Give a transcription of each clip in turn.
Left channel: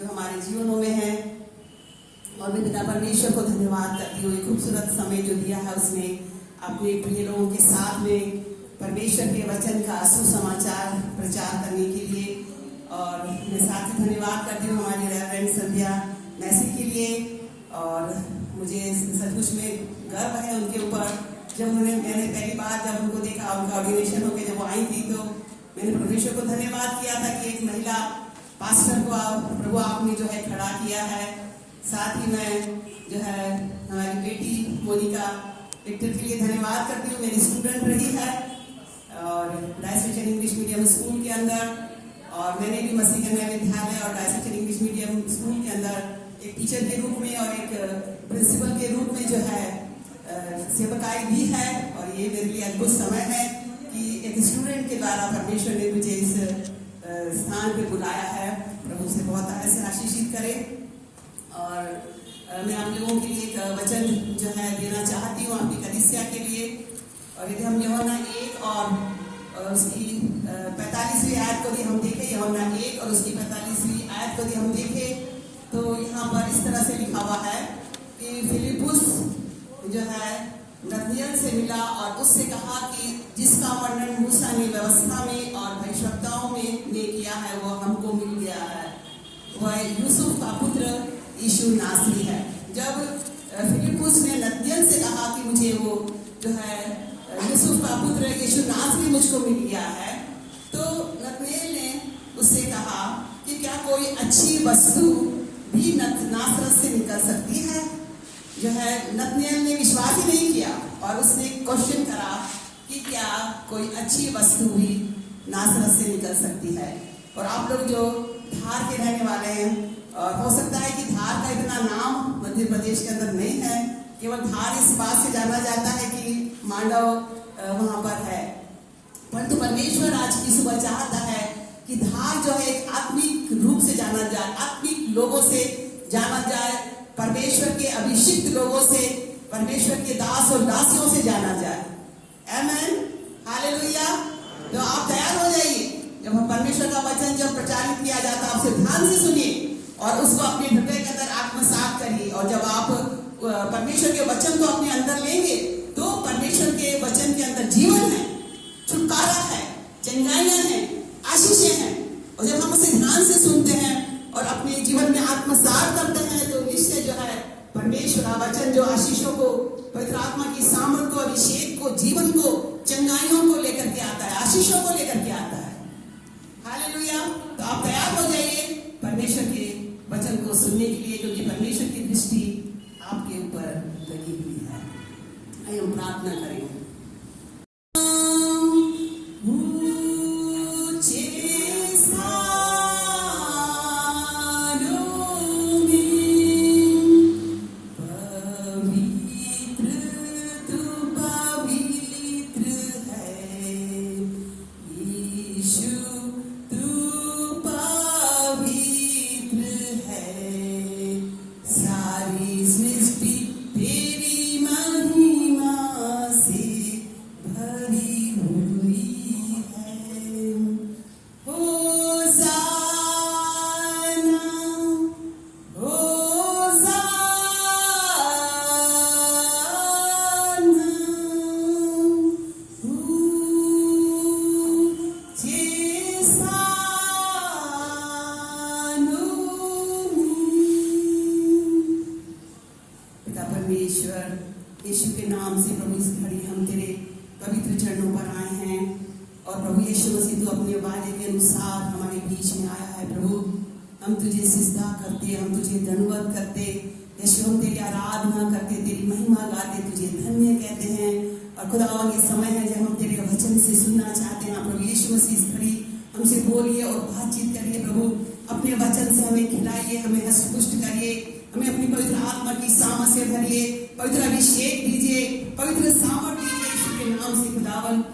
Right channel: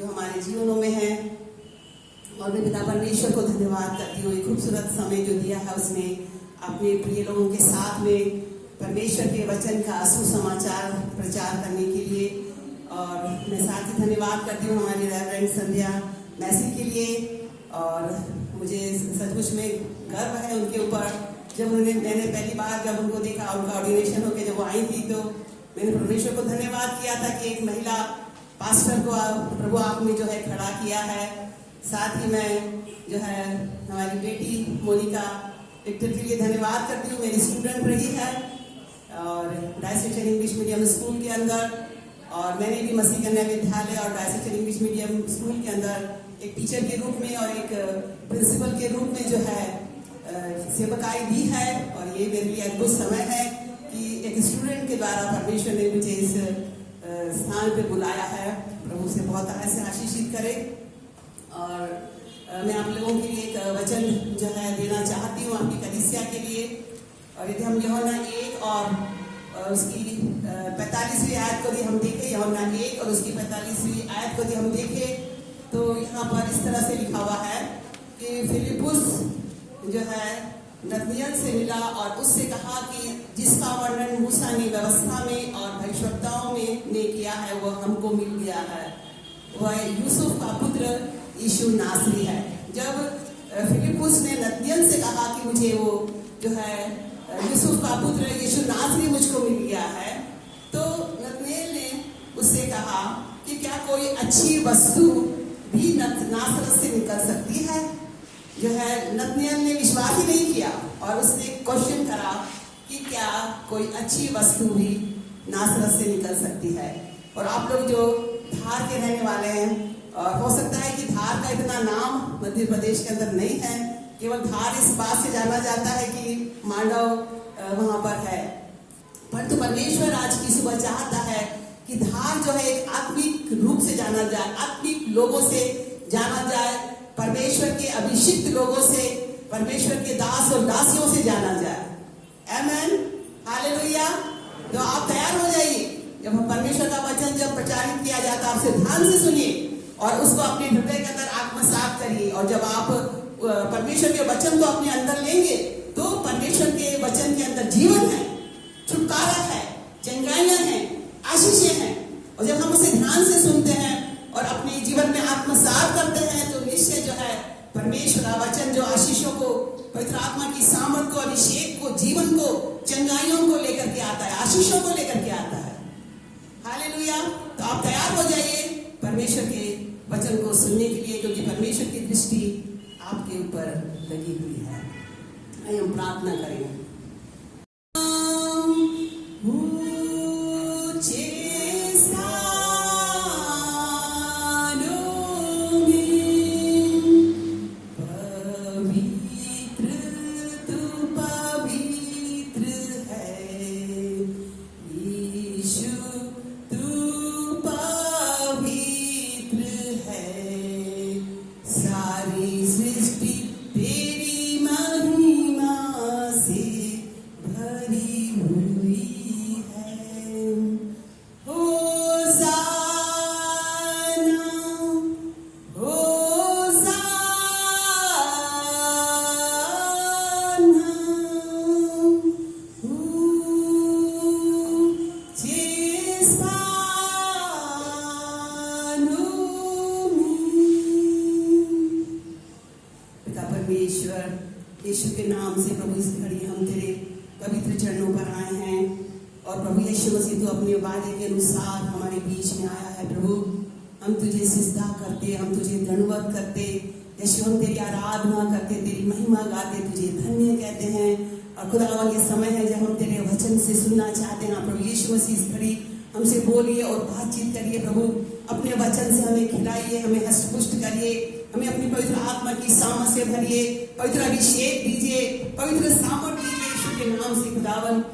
जो हमारे जीवनों में है। और मैं पिता परमेश्वर को धन्यवाद करती हूँ, एक खूबसूरत समय जो दिया है उसमें अपने प्रिय लोगों के साथ में परमेश्वर के वचन का सुसमाचार प्रचार करने के लिए। और मैं साथ ही धन्यवाद करती हूँ हमारी रेवरेंड संध्या मैसी के लिए। और मुझे सचमुच में गर्व है उनके ऊपर। जब मैंने पहली बार जब उनको देखा, उनका ऑर्डिनेशन होकर जब वो आई थी, तो मैंने परमेश्वर को धन्यवाद किया था कि एक महिला पास्टर को प्रभु आपने जो है खड़ा किया है। साथ ही मैं जो है हमारी बेटी मोनिका विक्टर के लिए धन्यवाद करती हूँ। मेरी स्टूडेंट रही है और डायसेक्शन इंग्लिश मीडियम स्कूल के अंदर, और मैंने भी मसीह कन्या विद्यालय और डायसेक्शन इंग्लिश मीडियम स्कूल के अंदर एक टीचर के रूप में और एक प्रिंसिपल के रूप में जो है सेवकाई दी है। और ये मेरे लिए अद्भुत समय है कि एक स्टूडेंट के द्वारा परमेश्वर ने मुझे इस स्थान पे बुलाया है। प्रभु से बहुत ऐसे आशीषित करे। और मैं आप लोगों के लिए एक वचन जो है देना चाहती हूँ आपकी कलीसिया के लिए। और यदि हम यूहन्ना 1 और उसकी 45वीं आयत को भी हम देखें, यूहन्ना 1 और उसकी 45वीं आयत को भी हम देखें, तो यहाँ पर इस तरह से लिखा हुआ है कि फिलिपुस जो है नतनएल से मिला और उससे कहा कि जिसका वर्णन मूसा ने व्यवस्था में और भविष्यवक्ताओं ने किया है वो हमको मिल गया है। वह यूसुफ का पुत्र यीशु नासरी है। जब फिलिपुस ने नतनएल से कहा कि मुझे वो जो है यूसुफ का पुत्र यीशु नासरी मुझको मिल गया है, तो नतनएल ने उससे कहा कि क्या कोई अच्छी वस्तु भी नासरत से निकल सकती है। जो है नतनएल ने विश्वास ही नहीं किया और उसने क्वेश्चन करा कि क्या कोई अच्छी वस्तु भी नासरत से निकल सकती है। और आप लोग जो धार के रहने वाले हैं, और हो सकता है कि धार का इतना नाम मध्य प्रदेश के अंदर नहीं है, केवल धार इस बात से जाना जाता है कि मांडव वहां पर है। परंतु परमेश्वर आज की सुबह चाहता है कि धार जो है एक आत्मिक रूप से जाना जाए, आत्मिक लोगों से जाना जाए, परमेश्वर के अभिषिक्त लोगों से, परमेश्वर के दास और दासियों से जाना जाए। आमेन, हालेलुया। तो आप तैयार हो जाइए। जब हम परमेश्वर का वचन जब प्रचारित किया जाता है, आपसे ध्यान से सुनिए और उसको अपने हृदय के अंदर आत्मसात करिए। और जब आप परमेश्वर के वचन को अपने अंदर लेंगे, तो परमेश्वर के वचन के अंदर जीवन है, छुटकारा है, चंगाइयां हैं, आशीषें हैं। और जब हम उसे ध्यान से सुनते हैं और अपने जीवन में आत्मसात करते हैं, तो निश्चय जो है परमेश्वर का वचन जो आशीषों को, पवित्र आत्मा की सामर्थ को, अभिषेक को, जीवन को, चंगाइयों को लेकर के आता है, आशीषों को लेकर के आता है। हालेलुया। तो आप तैयार हो जाइए परमेश्वर के वचन को सुनने के लिए, क्योंकि परमेश्वर की दृष्टि आपके ऊपर लगी हुई है। आइए हम प्रार्थना करें। यीशु के नाम से प्रभु इस घड़ी हम तेरे पवित्र चरणों पर आए हैं। और प्रभु यीशु मसीह, तू अपने वादे के अनुसार हमारे बीच में आया है। प्रभु हम तुझे सिजदा करते, हम तुझे धन्यवाद करते, यीशु हम तेरी आराधना करते, तेरी महिमा गाते, तुझे धन्य कहते हैं। और खुदावन ये समय है जब हम तेरे वचन से सुनना चाहते हैं। प्रभु यीशु मसीह इस घड़ी हमसे बोलिए और बातचीत करिए। प्रभु अपने वचन से हमें खिलाइए, हमें हस्तपुष्ट करिए, हमें अपनी पवित्र आत्मा की सामर्थ से भरिए, पवित्र अभिषेक दीजिए, पवित्र सामर्थ दीजिए यीशु के नाम से। खुदावन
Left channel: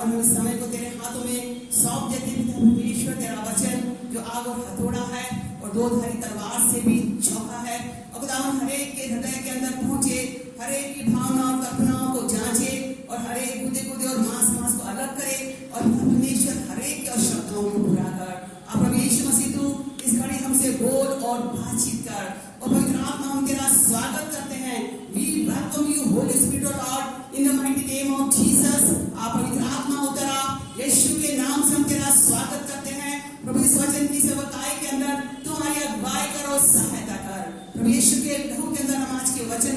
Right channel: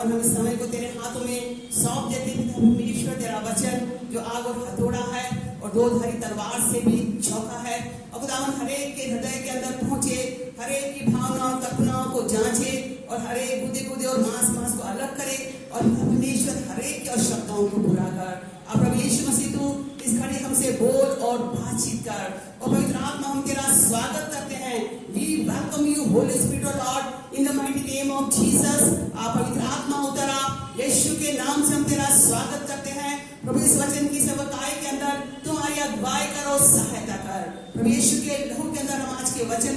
हम इस समय को तेरे हाथों में सौंप देते हैं। परमेश्वर तेरा वचन जो आग और हथौड़ा है और दो धारी तलवार से भी चौका है। और खुदावन हरेक के हृदय के अंदर पहुंचे, हरेक की भावना और कल्पनाओं को जांचे और हरेक गुदे और मांस को अलग करे। और परमेश्वर हरेक की आवश्यकताओं को पूरा कर। अब प्रभु यीशु मसीह तू इस घड़ी हम हमसे बोल और बातचीत कर। और पवित्र आत्मा हम तेरा स्वागत करते हैं। We welcome you Holy Spirit of Lord in the mighty name of Jesus. आप पवित्र आत्मा उतरा, यीशु के नाम से हम तेरा स्वागत करते हैं। प्रभु इस वचन की सेवकाई के अंदर तुम्हारी अगुवाई करो, सहायता कर। प्रभु यीशु के लहू के अंदर हम आज के वचन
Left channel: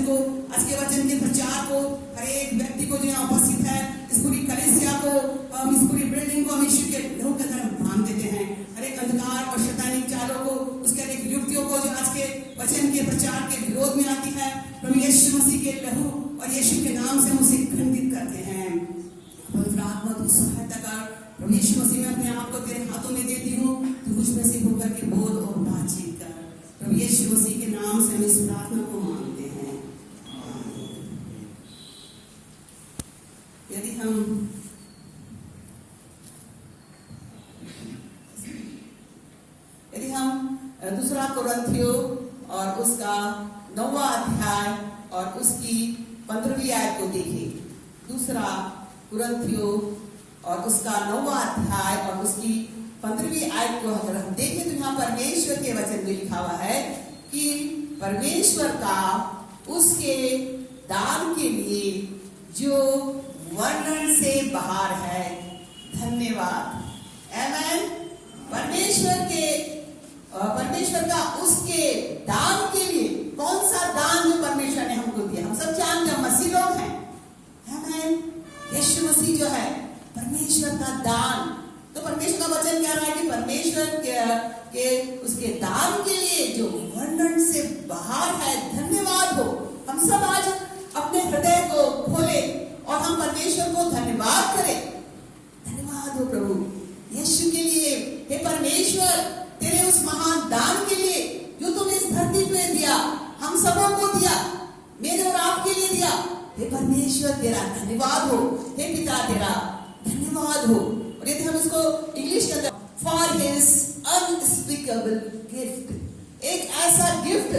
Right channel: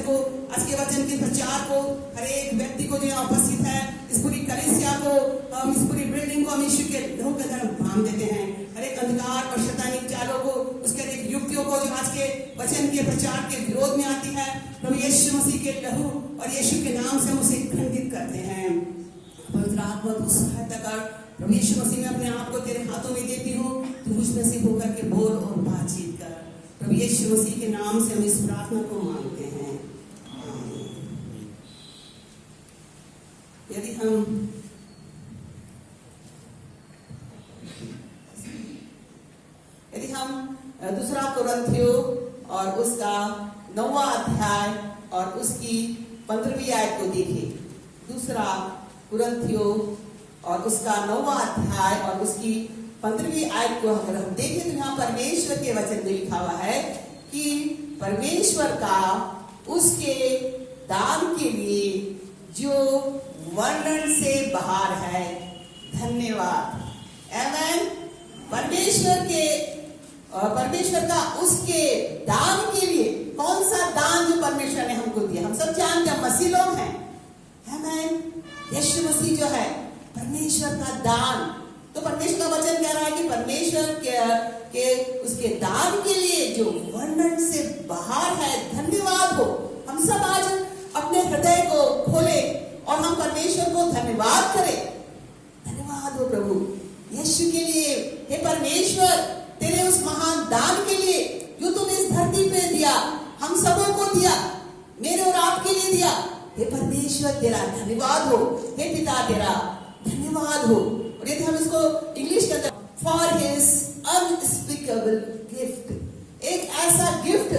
के प्रचार को, हर एक व्यक्ति को जो यहाँ उपस्थित है, इस पूरी कलीसिया को, इस पूरी बिल्डिंग को हम यीशु के लहू के अंदर बांध देते हैं। हर एक अंधकार और शैतानिक चालों को, उसके अनेक युक्तियों को जो आज के वचन के प्रचार के विरोध में आती है, प्रभु यीशु मसीह के लहू और यीशु के नाम से हम उसे खंडित करते हैं। पवित्र आत्मा तू सहायता कर। प्रभु यीशु मसीह में अपने आप को तेरे हाथों में देती हूँ, तू मुझ में से होकर के बोल और बातचीत कर। प्रभु यीशु मसीह के नाम से हम इस प्रार्थना को मांगते हैं। यदि हम दूसरा कुरिन्थियों और उसका 9वां अध्याय और उसकी 15वीं आयत को देखें। दूसरा कुरिन्थियों और उसका 9वां अध्याय और उसकी 15वीं आयत को अगर हम देखें तो यहाँ परमेश्वर के वचन में लिखा हुआ है कि परमेश्वर का उसके दान के लिए जो वर्णन से बाहर है। धन्यवाद। आमेन। परमेश्वर का उसके दान के लिए, कौन सा दान जो परमेश्वर ने हमको दिया, हम सब जानते हैं, मसीह लोग हैं। आमेन। यीशु मसीह जो है परमेश्वर का दान। तो परमेश्वर का वचन कह रहा है कि परमेश्वर के उसके दान के लिए जो वर्णन से बाहर है। धन्यवाद हो। हम सब आज अपने हृदय को खोले और हम परमेश्वर को धन्यवाद करें। धन्यवाद हो प्रभु यीशु के लिए। हे परमेश्वर, तेरे उस महान दान के लिए जो तूने इस धरती पे दिया, हम सबों को दिया, मेरे और आपके लिए दिया। हे परमेश्वर तेरा धन्यवाद हो। हे पिता तेरा धन्यवाद हो। और यदि हम इसको इंग्लिश के अंदर, फॉर हिज अनस्पीकेबल गिफ्ट, एक ऐसा गिफ्ट,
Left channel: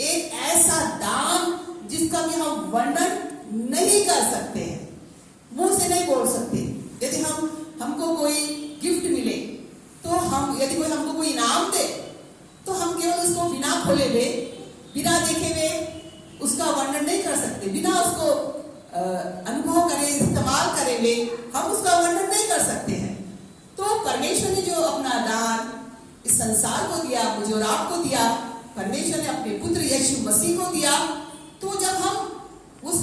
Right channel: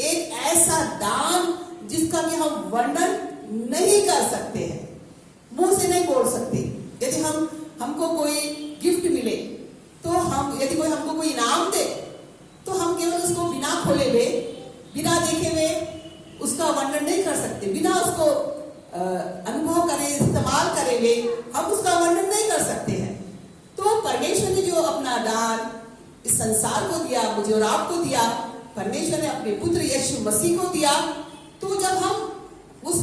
एक ऐसा दान जिसका कि हम वर्णन नहीं कर सकते हैं, मुंह से नहीं बोल सकते। यदि हमको कोई गिफ्ट मिले तो हम, यदि कोई हमको कोई इनाम दे तो हम केवल उसको बिना खोले हुए, बिना देखे हुए उसका वर्णन नहीं कर सकते। बिना उसको अनुभव करे, इस्तेमाल करे हुए हम उसका वर्णन नहीं कर सकते हैं। तो परमेश्वर ने जो अपना दान इस संसार को दिया, मुझे और आपको दिया, परमेश्वर ने अपने पुत्र यीशु मसीह को दिया। तो जब हम उस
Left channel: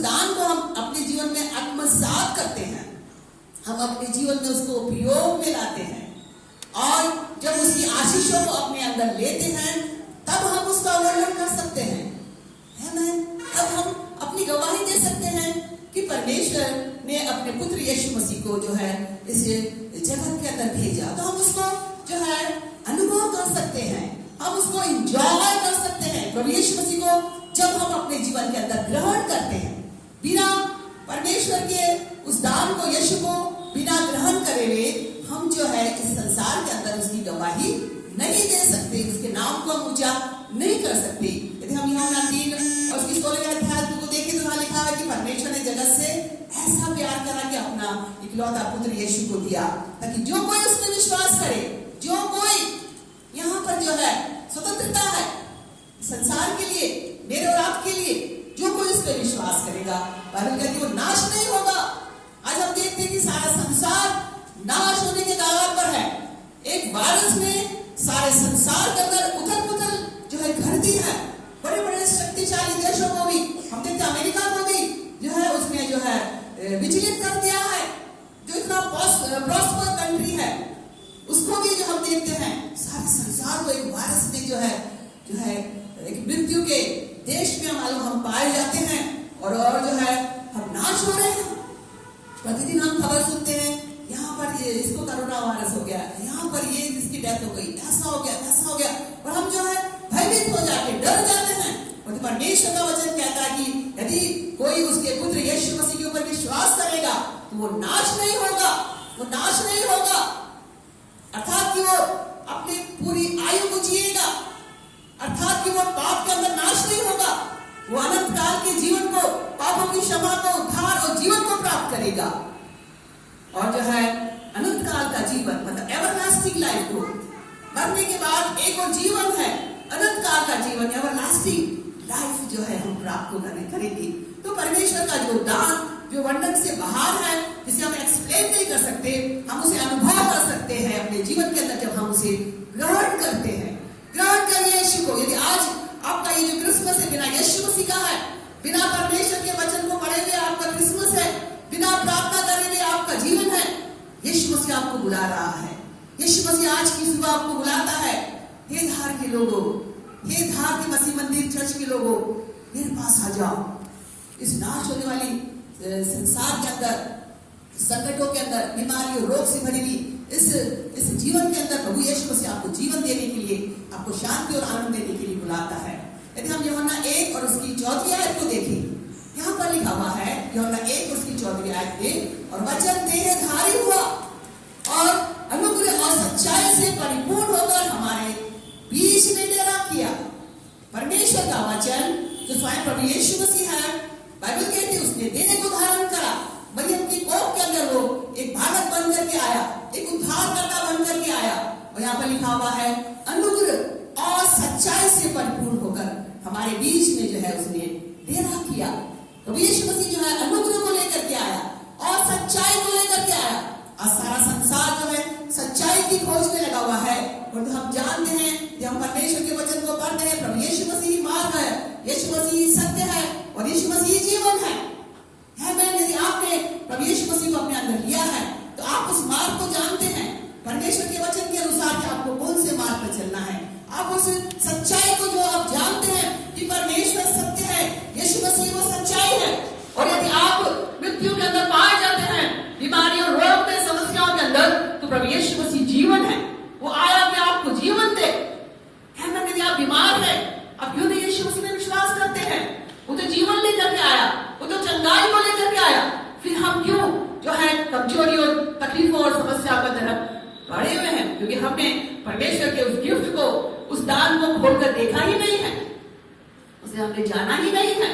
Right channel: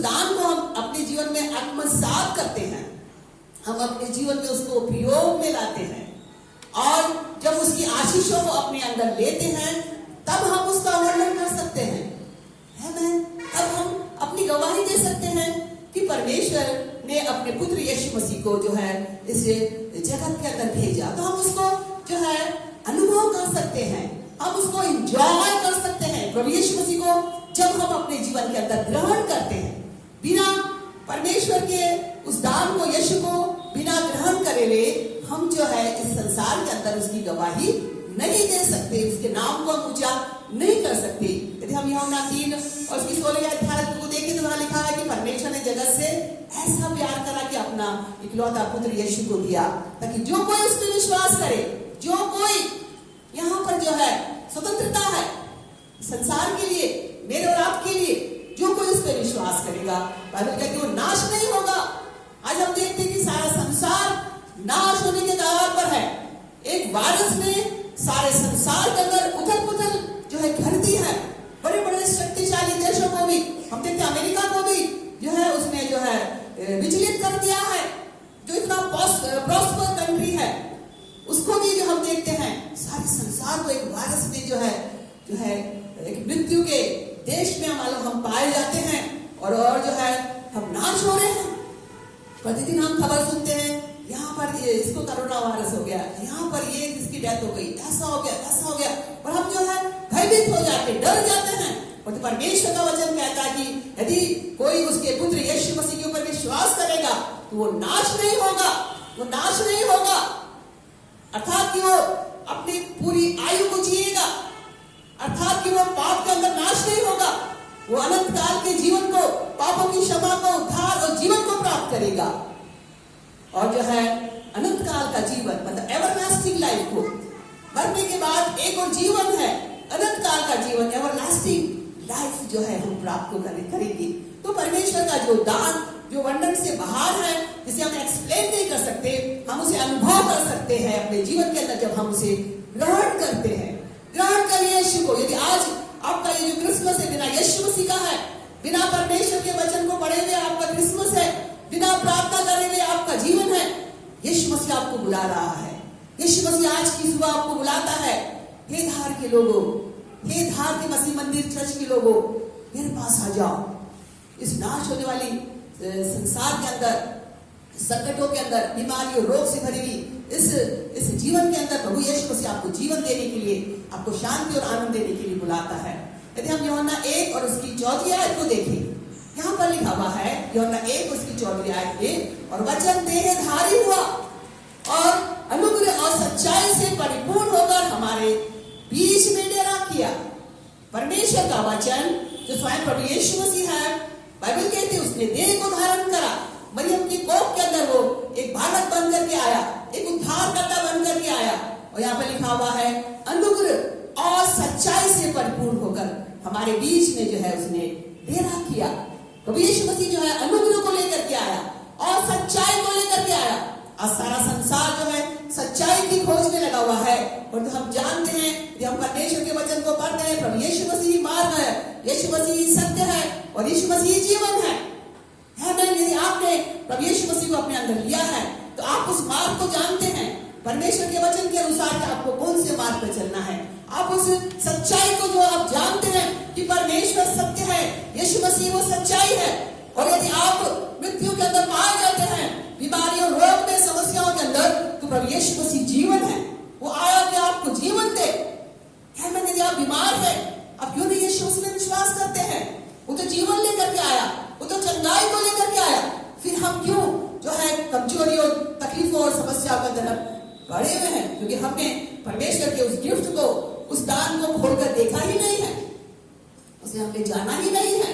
दान को हम अपने जीवन में आत्मसात करते हैं, हम अपने जीवन में उसको उपयोग में लाते हैं और जब उसकी आशीषों को अपने अंदर लेते हैं, तब हम उसका वर्णन कर सकते हैं। है ना? तब हम अपनी गवाही दे सकते हैं कि परमेश्वर ने अपने पुत्र यीशु मसीह को जो है इस जगत के अंदर भेजा। तो हम उसको जो है अनुभव कर सकते हैं, हम उसको एंजॉय कर सकते हैं। प्रभु यीशु मसीह को जब हम अपने जीवन के अंदर ग्रहण करते हैं, बिना परमेश्वर के उस दान को, यीशु को बिना ग्रहण करे हुए हम जो है इस संसार के अंदर उसकी गवाही नहीं दे सकते, उसके नाम को हम ऊंचा नहीं कर सकते। यदि हम यूहन्ना 3 और उसकी 16वें अध्याय को देखें तो वहां लिखा है कि परमेश्वर ने जगत से ऐसा प्यार करा कि अपना इकलौता पुत्र यीशु को दिया, ताकि जो कोई उस पर विश्वास करे, जो कोई, यहाँ पर जो है स्वतंत्रता है संसार के लिए, मेरे और आपके लिए, जो कोई उस पर विश्वास करेगा कि वो नाश नहीं होगा। आज हम देखते हैं कि सारा संसार नाश होने के कगार पर है। एक वायरस ने सारे संसार के अंदर उथल पुथल जो है कर दी है। बड़े बड़े शक्तिशाली देशों को भी, हम देखते हैं अमेरिका को भी जो है उसने जो है विचलित कर दिया है। जो इतना प्रॉस्पर कंट्री है उसको भी हम देखते हैं, सारे संसार को एक वायरस ने जो है एक मृत्यु के देश में हम पाए जाते हैं और जो है हम नाश हो रहे हैं। प्रतिदिन हम खबर सुनते हैं, यहाँ पर ये इसको कोरोना वायरस हो गया, यहाँ पर ये इसकी डेथ हो गई, ऐसा हो गया, ऐसा हो गया, और हम जो है भयभीत हो जाते, डर जाते हैं। और परमेश्वर का वचन कहता है कि यदि कोई उसके पुत्र यीशु मसीह के ऊपर विश्वास करेगा तो वो नाश नहीं होगा, वो नाश नहीं होगा, अर्थात कि वो अपनी पूरी आयु को जिएगा, अर्थात कि वो पाप के अंदर नाश नहीं होगा, वो अनंत काल के जीवन को, पापों की क्षमा को, उद्धार और जीवन को प्राप्त करेगा। और जो है अनंत काल का जीवन, मतलब एवरलास्टिंग लाइफ को मरने के बाद एक और जीवन है, अनंत काल का जीवन, एवरलास्टिंग लाइफ जो है हम प्राप्त करेंगे। तो परमेश्वर का जो दान, जो वर्णन से बाहर है, जिसे हम एक्सप्लेन नहीं कर सकते, हम उसे अनुभव कर सकते हैं अपने जीवन के अंदर जब हम उसे ग्रहण करते हैं। ग्रहण करिए यीशु को। यदि आज आपका ये जो क्रिसमस है बिना यीशु मसीह का है, बिना परमेश्वर के वचन को पढ़े हुए आपका क्रिसमस है, बिना प्रार्थना करे हुए आपका जीवन है, यीशु मसीह आपको बुला रहा है। यीशु मसीह आज की सुबह आपको बुलाता है, हे धार के लोगों, हे धार के मसीह मंदिर चर्च के लोगों, मेरे पास आ जाओ। इस नाश होने वाली संसार के अंदर, संकटों के अंदर, बीमारियों, रोग से भरी हुई इस जीवन के अंदर प्रभु यीशु मसीह आपको जीवन देने के लिए, आपको शांति और आनंद देने के लिए बुलाता है। यदि हम यूहन्ना 1 और उसकी 4वीं आयत को देखें, यहाँ पर लिखा हुआ है यूहन्ना 1 और उसकी 4वीं आयत में, और वचन देहधारी हुआ और अनुग्रह और सच्चाई से परिपूर्ण होकर हमारे बीच में डेरा किया। परमेश्वर का वचन जो स्वयं प्रभु यीशु मसीह है, बाइबल कहती है उसने देह को धारण करा, मरियम की कोख के अंदर वो एक बालक बन करके आया, एक उद्धारकर्ता बन करके आया। और यहाँ पर लिखा हुआ है अनुग्रह और सच्चाई से परिपूर्ण होकर हमारे बीच में जो है उसने डेरा किया। प्रभु यीशु मसीह जो है अनुग्रह को लेकर के आया और सच्चाई को लेकर के आया। आज सारा संसार जो है सच्चाई की खोज में लगा हुआ है, और तो हम जानते हैं कि हम परमेश्वर के वचन को पढ़ते हैं, प्रभु यीशु मसीह मार्ग है, यीशु मसीह सत्य है और यीशु मसीह जीवन है। यदि आपने प्रभु यीशु मसीह को अपने अंदर लिया है तो आप उस मार्ग को जानते हैं, परमेश्वर के वचन के अनुसार कि आपको कौन से मार्ग पर चलना है। आप उस सच्चाई को जो आप जानते हैं कि परमेश्वर सत्य है, यीशु मसीह वो सच्चाई है। और यदि आप मृत्यु के अंदर पाए जाते हैं, बीमारियों, रोग में, समस्याओं के अंदर, तो प्रभु यीशु मसीह जीवन है, वो आया कि आपको जीवन दे। यदि आप बीमार हैं, आप क्यों नहीं यीशु मसीह में विश्वास करते हैं? वो तो जीवन लेकर के आया, वो तो चंगाई को लेकर के आया। फिर हम क्यों जो है कमजोरियों, तकलीफों और समस्याओं का तरफ बढ़े हुए हैं? क्योंकि हमने परमेश्वर के उस गिफ्ट को, उस दान को खोलकर देखा ही नहीं है, उसे हमने जाना ही नहीं है,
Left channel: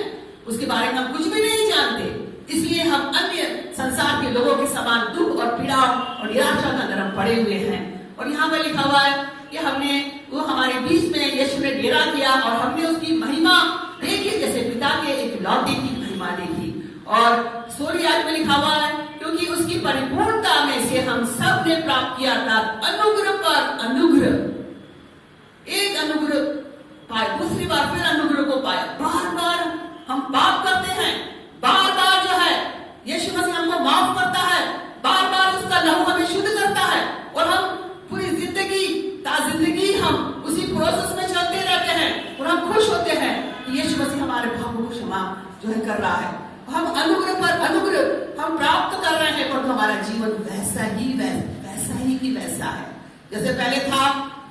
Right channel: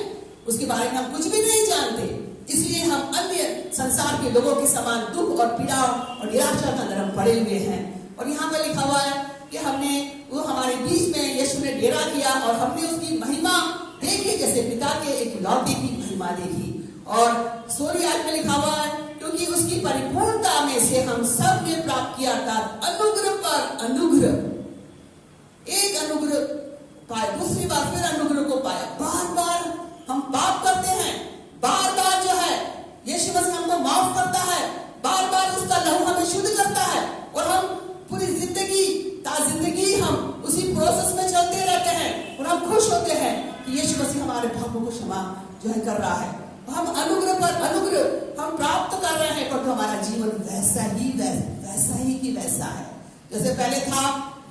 उसके बारे में हम कुछ भी नहीं जानते। इसलिए हम अन्य संसार के लोगों के समान दुख और पीड़ा और निराशा का अंदर हम पड़े हुए हैं। और यहाँ पर लिखा हुआ है कि हमने वो हमारे बीच में यीशु ने डेरा किया और हमने उसकी महिमा देखी, जैसे पिता के एक लौटे की महिमा देखी। और 16वीं आयत में लिखा हुआ है क्योंकि उसकी परिपूर्णता में से हम सब ने प्राप्त किया था अनुग्रह पर अनुग्रह। एक अनुग्रह पाए, दूसरी बार फिर अनुग्रह को पाया। बार बार हम पाप करते हैं, बार बार जो है यीशु मसीह हमको माफ करता है, बार बार उसका लहू हमें शुद्ध करता है, और हम पूरी जिंदगी हम उसी प्रोसेस में चलते रहते हैं। और हम खुश होते हैं कि यीशु मसीह हमारे पापों को क्षमा जो है कर रहा है। हम अनुग्रह पर अनुग्रह हम प्राप्त कर रहे हैं, पर तो हमारा जीवन वैसा ही कि वैसा है जैसे पहले था,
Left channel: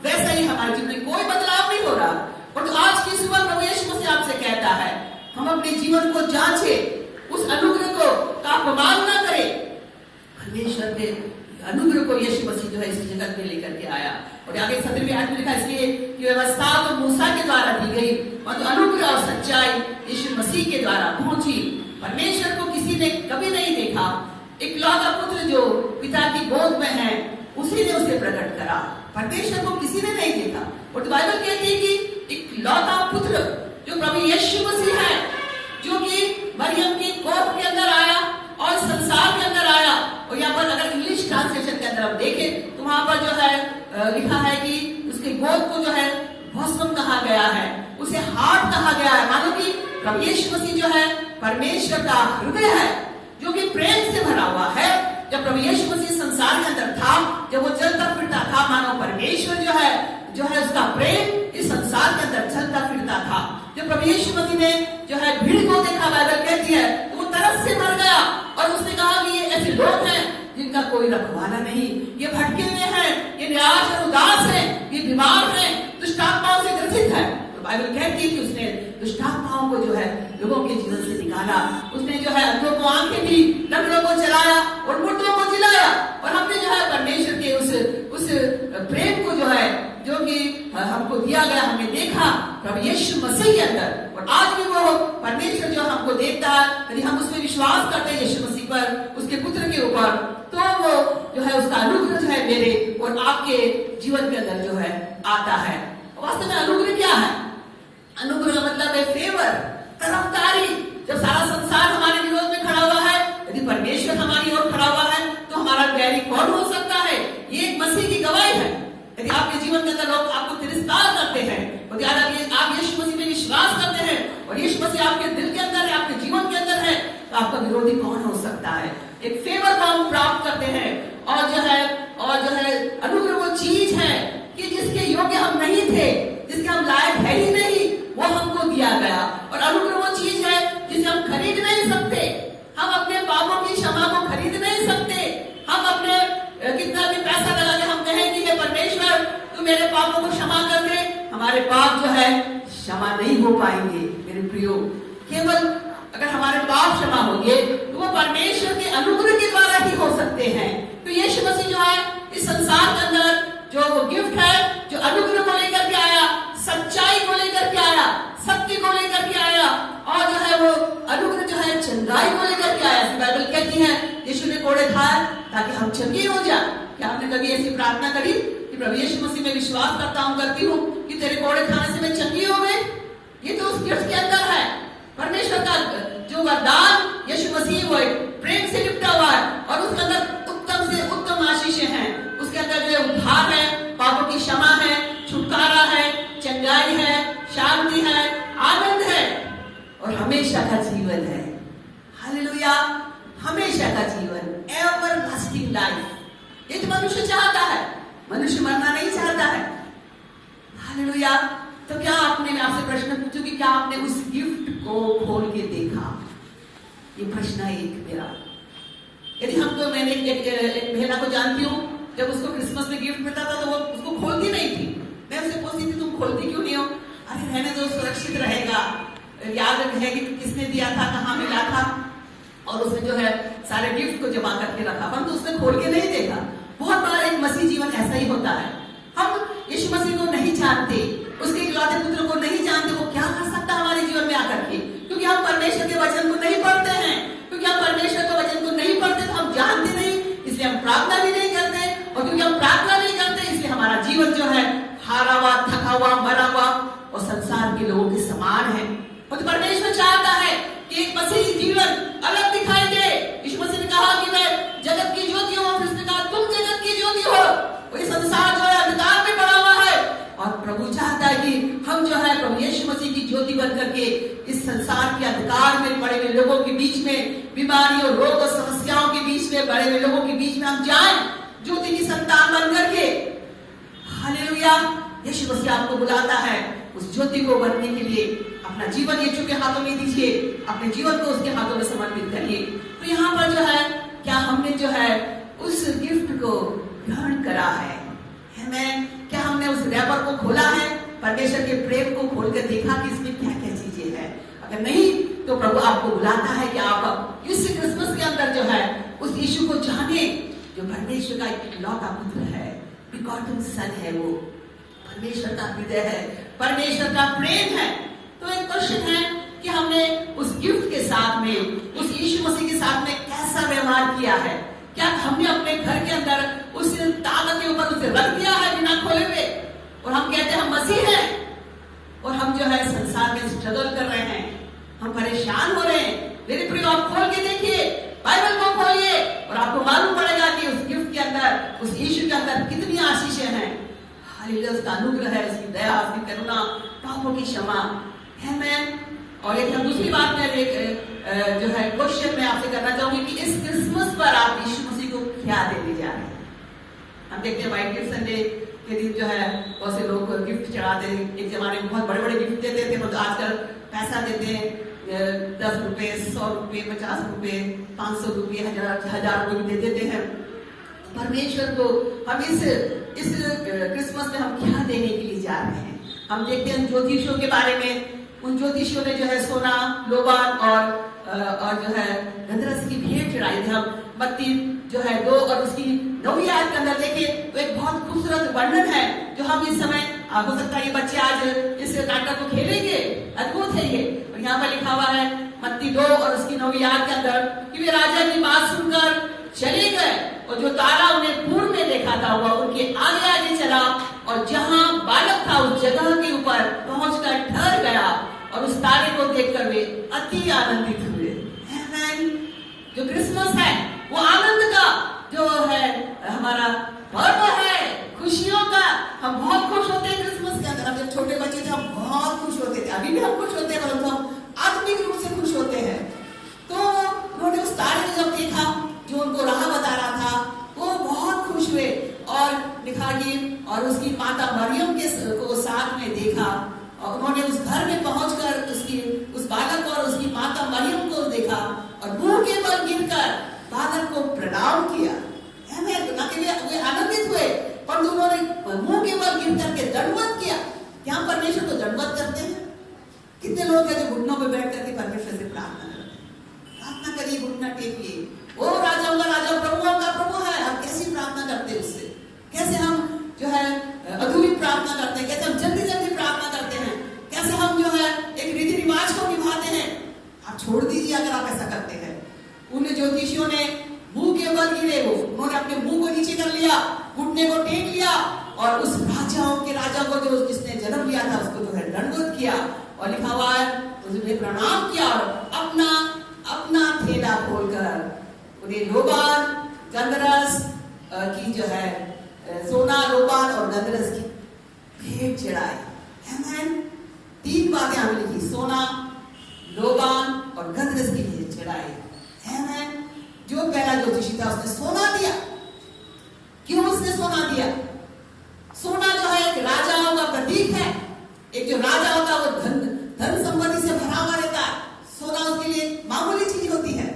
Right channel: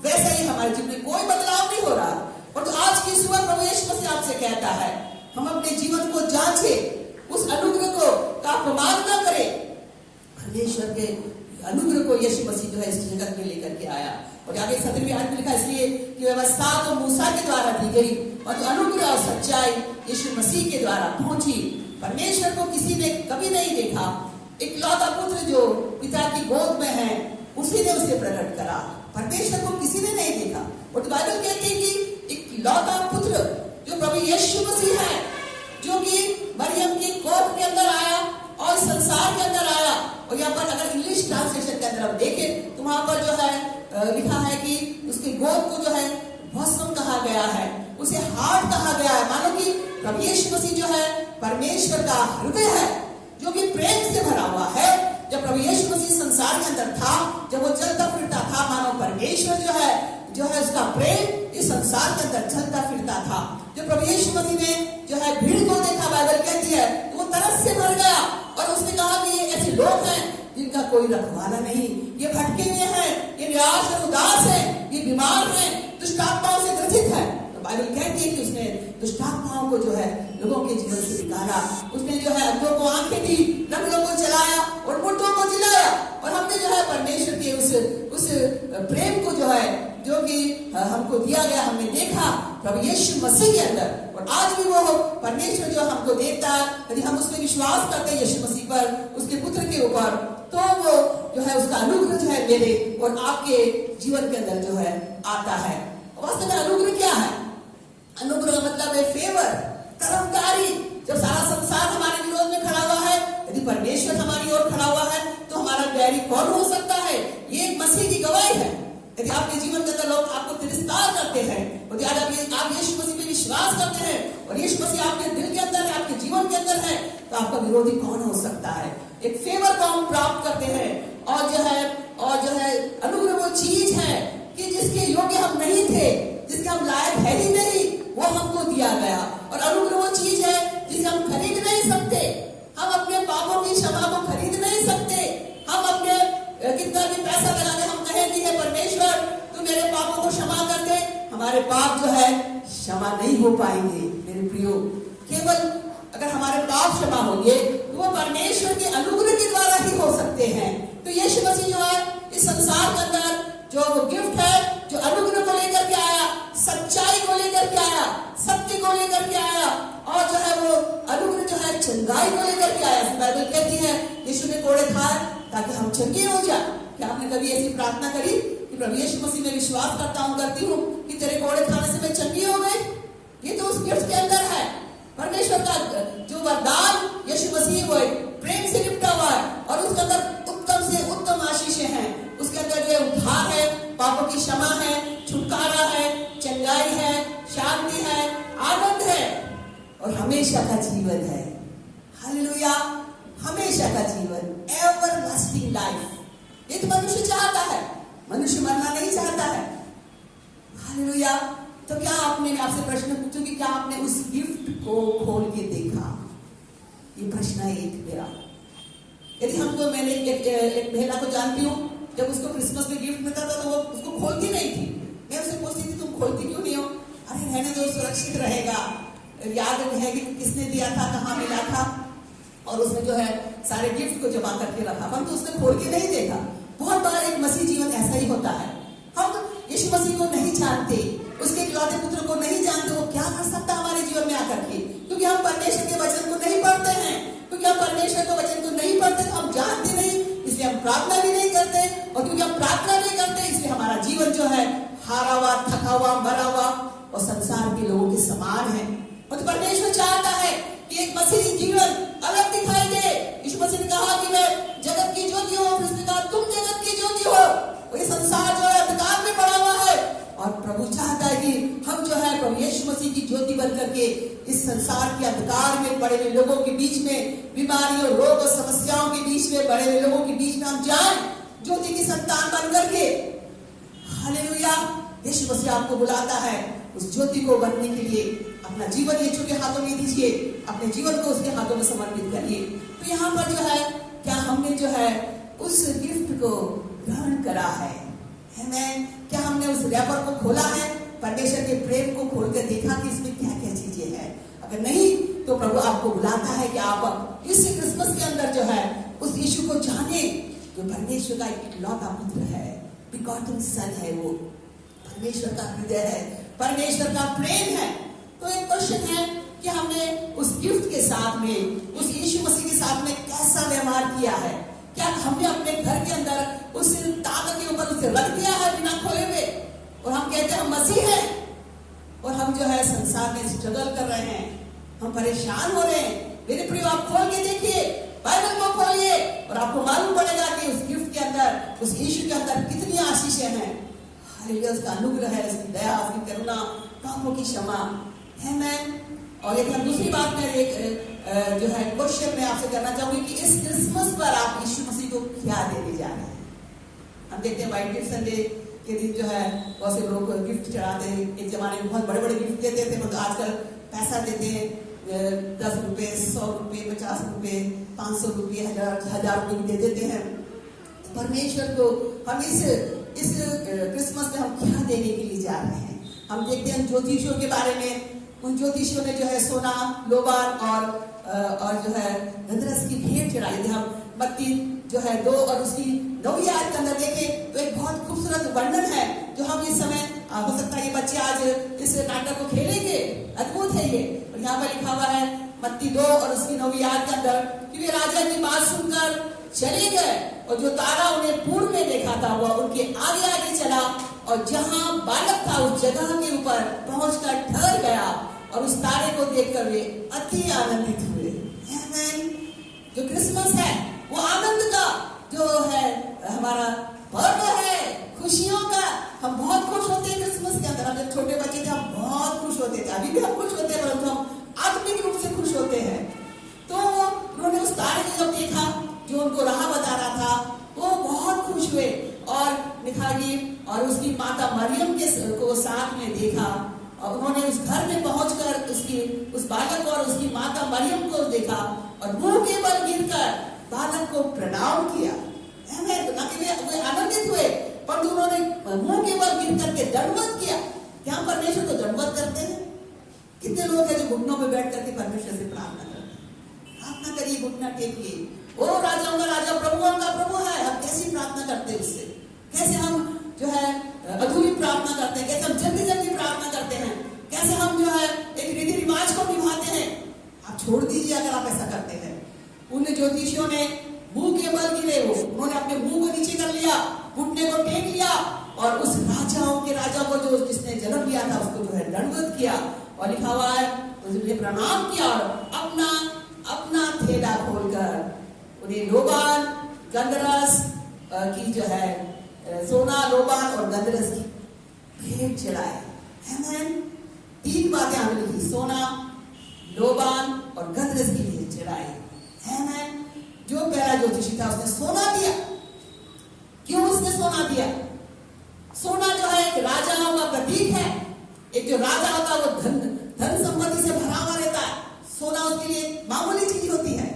वैसा ही हमारे जीवन में कोई बदलाव नहीं हो रहा। और तो आज की सुबह प्रभु यीशु मसीह आपसे कहता है हम अपने जीवन को जांचे, उस अनुग्रह को का अपमान न करें। परमेश्वर के अनुग्रह को यीशु मसीह जो है इस जगत में लेकर के आया। और आगे 17वीं आयत में लिखा इसलिए कि व्यवस्था तो मूसा के द्वारा दी गई, और तो अनुग्रह और सच्चाई यीशु मसीह के द्वारा पहुंची। परमेश्वर को किसी ने कभी नहीं देखा, इकलौता पुत्र जो पिता की गोद में है उसी ने उसे प्रकट करा। परमेश्वर को किसी ने नहीं देखा। और बाइबल कहती है कि इकलौता पुत्र जो प्रभु यीशु मसीह है, जो कि मरियम की कोख के अंदर आया और संसार के अंदर आया। और यहाँ पर अगर इंग्लिश ट्रांसलेशन के अंदर हम देखें तो वहां पर जो है लिखा है कि उसके गोद को जो है भस्म कहा गया है, उसे हार्ट कहा गया है, मानो कि प्रभु यीशु मसीह जो है परमेश्वर का हृदय है जो कि प्रेम से भरा हुआ है। जब प्रभु यीशु मसीह संसार के अंदर था, जब वो चलता फिरता था, मानो परमेश्वर जो है उसका प्रेम इस संसार के अंदर चलता फिरता था। जब प्रभु यीशु मसीह ने जो है भीड़ को देखा, बाइबल कहती है तो वो तरस से भर गया और उसने कहा कि ये ऐसे लोग हैं जिनका कोई रखवाला नहीं, ये भटके हुए हैं, ये निराश और उदास हैं, ये बीमार हैं, दुष्टात्माओं से ग्रसित है। तो बाइबल कहती है कि उसने दुष्टात्माओं को जो है लोगों के जीवन से निकाला। उसने जो है अंधों को आंखें दी, लंगड़ों को चलाया और मुर्दों को जिलाया। और हमने जो है परमेश्वर के उस प्रेम को जो है जो कि हमको दिया गया, हमने देखा प्रभु यीशु मसीह के अंदर। और आज भी वो परमेश्वर जो हमको देता है, यदि हम उसमें विश्वास करते हैं यीशु मसीह पर, उसके पुत्र के ऊपर, तो वो जो है उसका अनुग्रह जो है मेरे और आपके जीवन के अंदर जो है आता है। वास्तव में अनुग्रह क्या है? अनुग्रह का मतलब है फेवर, तरफदारी। जब सारा संसार हमारे विरोध में खड़ा हुआ है, यदि परमेश्वर हमारी ओर खड़ा हुआ है तो हमारा बैरी कौन हो सकता है? ये एक मसीह की गवाही है। यदि आपके जीवन के अंदर लोग आपको तिरस्कार करते हैं और यदि आप यीशु मसीह में विश्वास करते हैं और यीशु मसीह आपके दिल के अंदर है, आपके जीवन के अंदर है, तो आपका विरोधी कौन हो सकता है? एक फेवर का हम प्राप्त करते हैं और जो है अनुग्रह वो चीज है कि जिसके योग्य हम नहीं थे, जिसके हम लायक है ही नहीं, वो हमको दिया गया। और अनुग्रह वो चीज है जिसे हम खरीद नहीं सकते। हम अपने पापों की क्षमा को खरीद नहीं सकते। हम अपने कितना भी पैसा लगा के हम कहें कि हे परमेश्वर तू मेरे पापों को क्षमा कर दे, हमारे पाप जो है क्षमा नहीं हो पाएंगे। मेरे प्रियो, केवल अगर हमारे पाप क्षमा होंगे तो वो परमेश्वर के अनुग्रह के द्वारा ही हो सकते हैं। तो यीशु मसीह जो है इस संसार के अंदर जो वो गिफ्ट है, जो अनुग्रह को लेकर के आया, सच्चाई को लेकर के आया, सत्य को लेकर के आया, और जो है वो अनुग्रह जो है चंगाई को लेकर के आया। बाइबल कहती है यीशु ने कोड़े खाए ताकि हम चंगे हो जाए। क्या आपने कभी ऐसी प्रार्थना करी कि प्रभु यीशु मसीह में विश्वास करती हूँ कि तेरे कोड़े खाने से मैं चंगी हो गई? ये तो उस गिफ्ट के अंदर है। परमेश्वर का जो वरदान यीशु मसीह वो प्रेम से लिपटा हुआ है और उसके अंदर उत्तम से उत्तम आशीषें हैं। उसके अंदर जो है उद्धार है, पापों की क्षमा है, छुटकारा है, चंगाई है, शांति है, आनंद है और हमेशा का जीवन है। हालेलुया, हमेशा का जीवन, एवरलास्टिंग लाइफ। ये तो मनुष्य चाहता है, मनुष्य मरना नहीं चाहता है। हालेलुया। तो क्या आपने, मैं आपसे प्रश्न पूछूं कि क्या आपने उस गिफ्ट को खोल के देखा? ये प्रश्न है एक मेरा। यदि हमको, मैंने एक महिला को जानती हूँ, जब उसको क्रिसमस में गिफ्ट मिलता था तो वो उसको खोलती नहीं थी। मैं उससे पूछती थी तुम खोलती क्यों नहीं हो? अरे रहने दो, सुरक्षित रहेगा, याद रहेगी किसने दिया था, कहाँ मिला था। और उसने जो है सारे गिफ्ट को जमा करके रखा, परंतु उसने खोल के नहीं देखा। बहुत बार एक मसीह जीवन ऐसा ही होता है। हम यीशु मसीह को नहीं जानते, उसके इकलौते पुत्र को नहीं जानते, वो क्या कर सकता हमारे जीवन में आकर के, क्योंकि हम परमेश्वर के वचन को नहीं पढ़ते हैं। क्योंकि हम परमेश्वर के वचन को नहीं पढ़ते तो हम जानते नहीं, इसलिए हम प्रार्थना भी नहीं करते। और क्योंकि हम प्रार्थना नहीं करते इसलिए हमारा जीवन जो है हारा हुआ, थका हुआ, मरा हुआ और संसार के लोगों के समान है। और तो परमेश्वर चाहता है कि एक मसीही जीवन अलग दिखाई दे। यीशु मसीह ने कहा कि मैं जगत की ज्योति हूँ, फिर उसने कहा तुम जगत की ज्योति हो। और ये संसार जो है अंधकार में पड़ा हुआ है और प्रभु चाहता है कि हम जो है प्रभु यीशु मसीह की ज्योति बन करके इस संसार के अंधकार में पड़े हुए लोगों के बीच में, बीमारियों, रोग और समस्याओं के बीच में पड़े हुए लोगों के बीच में हम जाएं, ज्योति की संतान बन करके। हालेलुया। यीशु मसीह आपको बुलाता है उस ज्योति को बनने के लिए। अपना जीवन यीशु के हाथों में दीजिए, अपने जीवन को उसके हाथों में समर्पित करिए। तो यहाँ पर जो है क्या हमने जो है उस गिफ्ट को ग्रहण करा है? क्या हमने उस रैपर को खोला है, परमेश्वर के प्रेम को खोलकर देखा कि इसमें क्या क्या चीजें हैं? अगर नहीं तो प्रभु आपको बुलाता है कि आप इस क्रिसमस के अंदर जो है उस यीशु को जानिए जो परमेश्वर का इकलौता पुत्र है, बिगॉटन सन है, वो परमेश्वर का हृदय है, परमेश्वर का प्रेम है। तो एक क्वेश्चन है कि हमने उस गिफ्ट के साथ में, उस यीशु मसीह के साथ में कैसा व्यवहार किया है? क्या हमने अपने घर के अंदर उस ताकत के ऊपर उसे रख दिया है बिना खोले हुए? और हम कहते हैं हम मसीह हैं और हम जो है संसार में स्ट्रगल कर रहे हैं, हम परेशान हो रहे हैं। मेरे प्रिय, आप खोल के देखिए, बाइबल को खोलिए और आपको मालूम पड़ेगा कि उस गिफ्ट के अंदर, उस यीशु के अंदर कितनी आशीषें हैं। हालेलुया, उसका अनुग्रह है, उसकी दया, उसकी करुणा, पापों की क्षमा है। मैं और एक दूसरी बात मैं जो है क्वेश्चन मैं आपसे करना चाहूंगी कि इस क्रिसमस पर आप यीशु मसीह को क्या देने जा रहे हैं? हम देखते हैं व्हाइट गिफ्ट संडे के दिन जो है बहुत से लोग गिफ्ट चढ़ाते हैं। एक जमाने में बहुत बड़े बड़े गिफ्ट देते थे, मतलब आजकल पैसा देते हैं 10 रुपए, 100 रुपए, 50 रुपए, 500 रुपए, 1000 रुपए भी दे देते हैं। परमेश्वर को हम इस क्रिसमस में हम क्या देने के लिए जा रहे हैं? हम देखते हैं ज्योतिषियों के बारे में। उन ज्योतिषियों ने जो है सोना, लोबान और जो है गंधरस की भेंट चढ़ाई। हम मत्ती जो है 2 और उसकी 9वीं आयत के अंदर देखें तो एक बहुत खूबसूरत वर्णन है जो हम इस समय, हो सकता है ये बच्चे आज इस नाटक को खेलेंगे, अद्भुत है ये। और यहाँ पर लिखा हुआ है मत्ती 2 और उसकी 9वीं आयत के अंदर कि वे राजा की बात सुनकर चले गए और जो तारा उन्हें पूर्व में देखा था वह उनके आगे आगे चला और जहां बालक था उस जगह के ऊपर पहुंचकर ठहर गया और उस तारे को देखकर वे अति आनंदित हुए। जो क्रिसमस है वो आनंद का जो है हमारा पर्व है, खुशियों का। हम बहुत खुश होते हैं क्रिसमस के अंदर। हम जब छोटे बच्चे थे हम बहुत खुश होते थे, अभी भी हम खुश होते हैं, परंतु हम आत्मिक रूप से खुश होते हैं। तो उन्होंने उस तारे को जब देखा जो उनको राह बता रहा था, वो बहुत खुश हुए और लिखा कि और उसकी माता मरियम को साथ में देखा और उन्होंने उस घर में पहुंचकर उस बालक और उसकी माता मरियम को देखा और मुंह के बल गिरकर बालक को प्रणाम किया। वे आनंदित हुए, पर उन्होंने मुंह के बल गिर करके दंडवत किया। क्या परमेश्वर को दंडवत करते हैं? कितने लोग हैं जो घुटनों पे बैठ करके परमेश्वर से प्रार्थना करते हैं? प्रार्थना करिए, घुटना टेकिए। वो राजाओं का राजा, प्रभुओं का प्रभु है। हम कैसी प्रार्थना करते हैं उससे? कैसे हम जो है अधूरी प्रार्थना करते हैं, कैसे हम जल्दी जल्दी प्रार्थना करते हैं, कैसे हम जो है एक रीति रिवाज को निभाते हैं। आप छोड़ दीजिए अगर आप ऐसा करते हैं। उन ज्योतिषियों ने मुंह के बल गिरे, उन्होंने अपने मुंह को नीचे कर लिया, घुटने को टेक लिया और उस राजाओं के राजा को जो जिसने जन्म लिया था उसको जो है दंडवत किया और लिखा हुआ है उसने प्रणाम किया और अपना थैला खोलकर उन्हें लोबान गंधरस की जो है सोना, लोबान और गंधरस की भेंट चढ़ाए। तीन बातें हमें लिखी, सोना, लोबान और गंधरस की भेंट चढ़ाए। जो पहला ज्योतिषी था उसने सोना दिया। क्यों उसने सोना दिया? सोना जो है एक राजाओं का प्रतीक है। एक जो राजा होता है वो धन संपत्ति से भरा हुआ रहता है। सोना उसके लिए मामूली चीज होती है,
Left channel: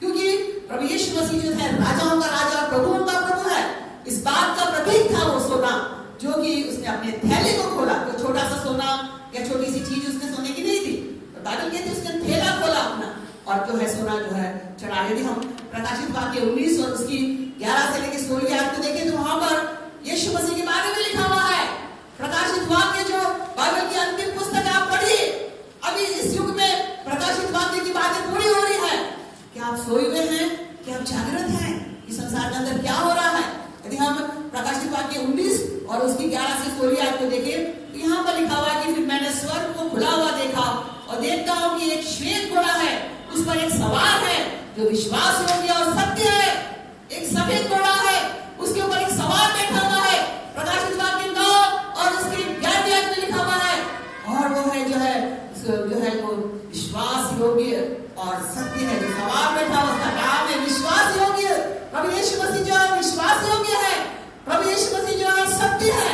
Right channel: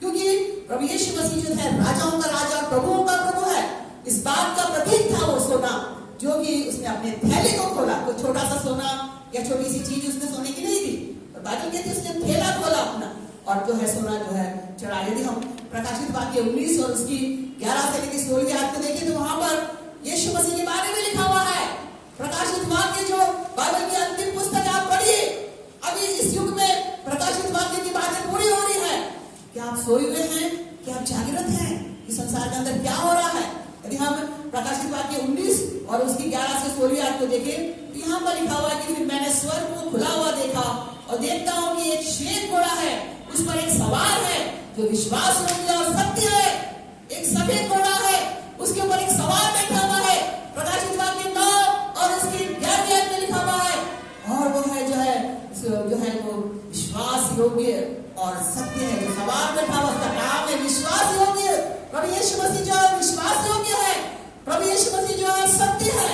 क्योंकि प्रभु यीशु मसीह जो है राजाओं का राजा, प्रभुओं का प्रभु है। इस बात का प्रतीक था वो सोना, जो कि उसने अपने थैले को खोला। तो छोटा सा सोना या छोटी सी चीज उसने सोने की नहीं थी, तो बाइबल कहती है उसने थैला खोला अपना और जो है सोना जो है चढ़ा। यदि हम प्रकाशित वाक्य 19 और उसकी 11 से लेकर 16 आयत को देखें तो वहां पर यीशु मसीह के बारे में लिखा हुआ है। प्रकाशित वाक्य जो बाइबल की अंतिम पुस्तक आप पढ़िए, अभी इस युग में प्रकाशित वाक्य की बातें पूरी हो रही है। क्या आप सोए हुए हैं? क्या आप जागृत हैं? इस संसार के अंदर क्या हो रहा है? यदि हम प्रकाशित वाक्य 19 और उसकी 11 से 16 आयत को देखें तो यहाँ पर लिखा हुआ है कि फिर मैंने स्वर्ग को खुला हुआ देखा और देखता हूँ कि एक श्वेत घोड़ा है, उस पर एक सवार है जो विश्वास योग्य और सत्य है। एक सफेद घोड़ा है, उसके ऊपर एक सवार बैठा हुआ है। प्रकाशित वाक्य 9 और उसकी 11 आयत में लिखा हुआ है और वो है जो है वो विश्वास योग्य और सत्य है। जो सवार बैठा हुआ उसका नाम है विश्वास योग्य। प्रभु यीशु मसीह जो है विश्वास योग्य है, प्रभु यीशु मसीह जो है सत्य है।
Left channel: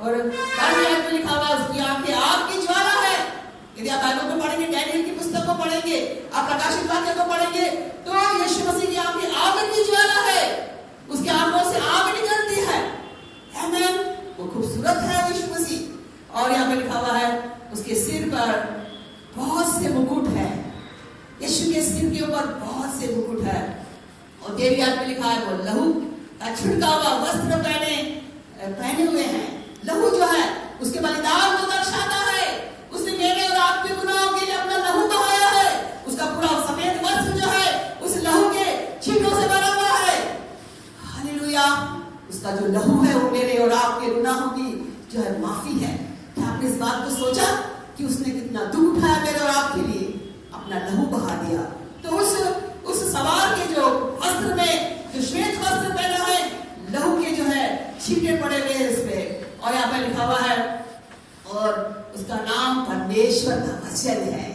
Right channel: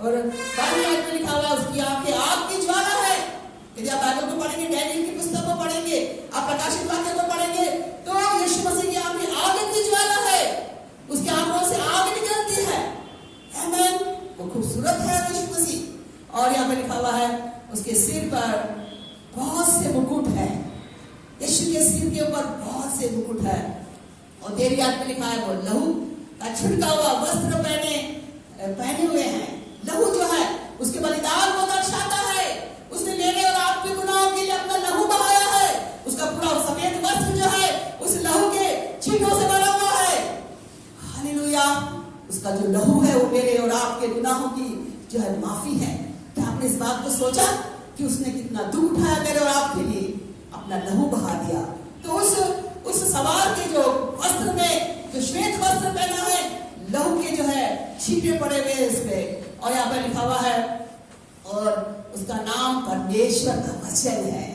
और 12 आयत में लिखा हुआ उसकी आंखें आग की ज्वाला है। यदि आप बाइबल को पढ़ेंगे, डैनियल की पुस्तक को पढ़ेंगे, आप प्रकाशित वाक्य को पढ़ेंगे तो यीशु मसीह की आंखें आग की ज्वाला है, उसकी आंखों से आग निकलती है। आमीन। वो खूबसूरत है यीशु मसीह। और यहाँ पे लिखा हुआ है उसके सिर पर बहुत से मुकुट है। यीशु के सिर के ऊपर बहुत से मुकुट है और 13 आयत में लिखा है वो लहू का छिड़का हुआ वस्त्र पहने हुए हैं। लहू जो है उसके बलिदान को दर्शाता है। उसने मेरे और आपके गुनाहों के लिए अपना लहू बहाया है। उसका पूरा सफेद वस्त्र जो है उस लहू के छींटों से बना हुआ है। हालेलुया। उसका जो लहू है वो मेरे और आपके गुनाहों की जो है माफी है। क्या आपने इस बात को सोचा कि उसने कितना दुख उठाया मेरे और आपके लिए? अपना लहू बहा दिया। तो उस सवार के जो वस्त्र में जो श्वेत वस्त्र पहना है, लहू के जो है छींटे पड़े हुए हैं इस पे। और यहाँ पर लिखा हुआ है और उसका नाम परमेश्वर का वचन है।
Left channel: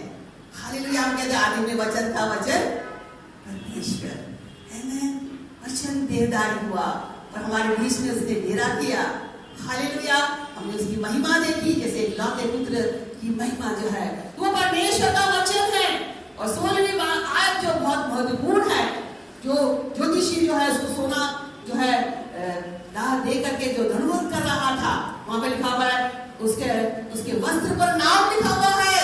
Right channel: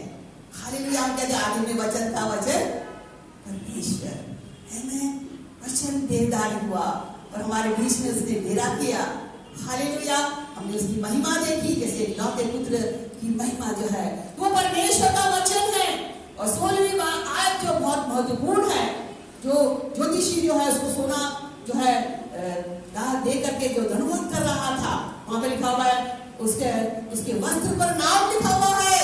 हालेलुया। हम कहते हैं आदि में वचन का वचन परमेश्वर है। वचन देवदारी हुआ और हमारे बीच में उसने डेरा किया। हालेलुया। हमने उसकी महिमा देखी, जैसे इकलौते पुत्र की महिमा जो है वो परमेश्वर का वचन है। और 16वीं आयत जो बहुत महत्वपूर्ण है, जो ज्योतिषी जो है उसको सोना जो है दाह दे करके जो धनवत कर रहा था, वहां पे लिखा हुआ है उसके वस्त्र पर नाम लिखा हुआ है,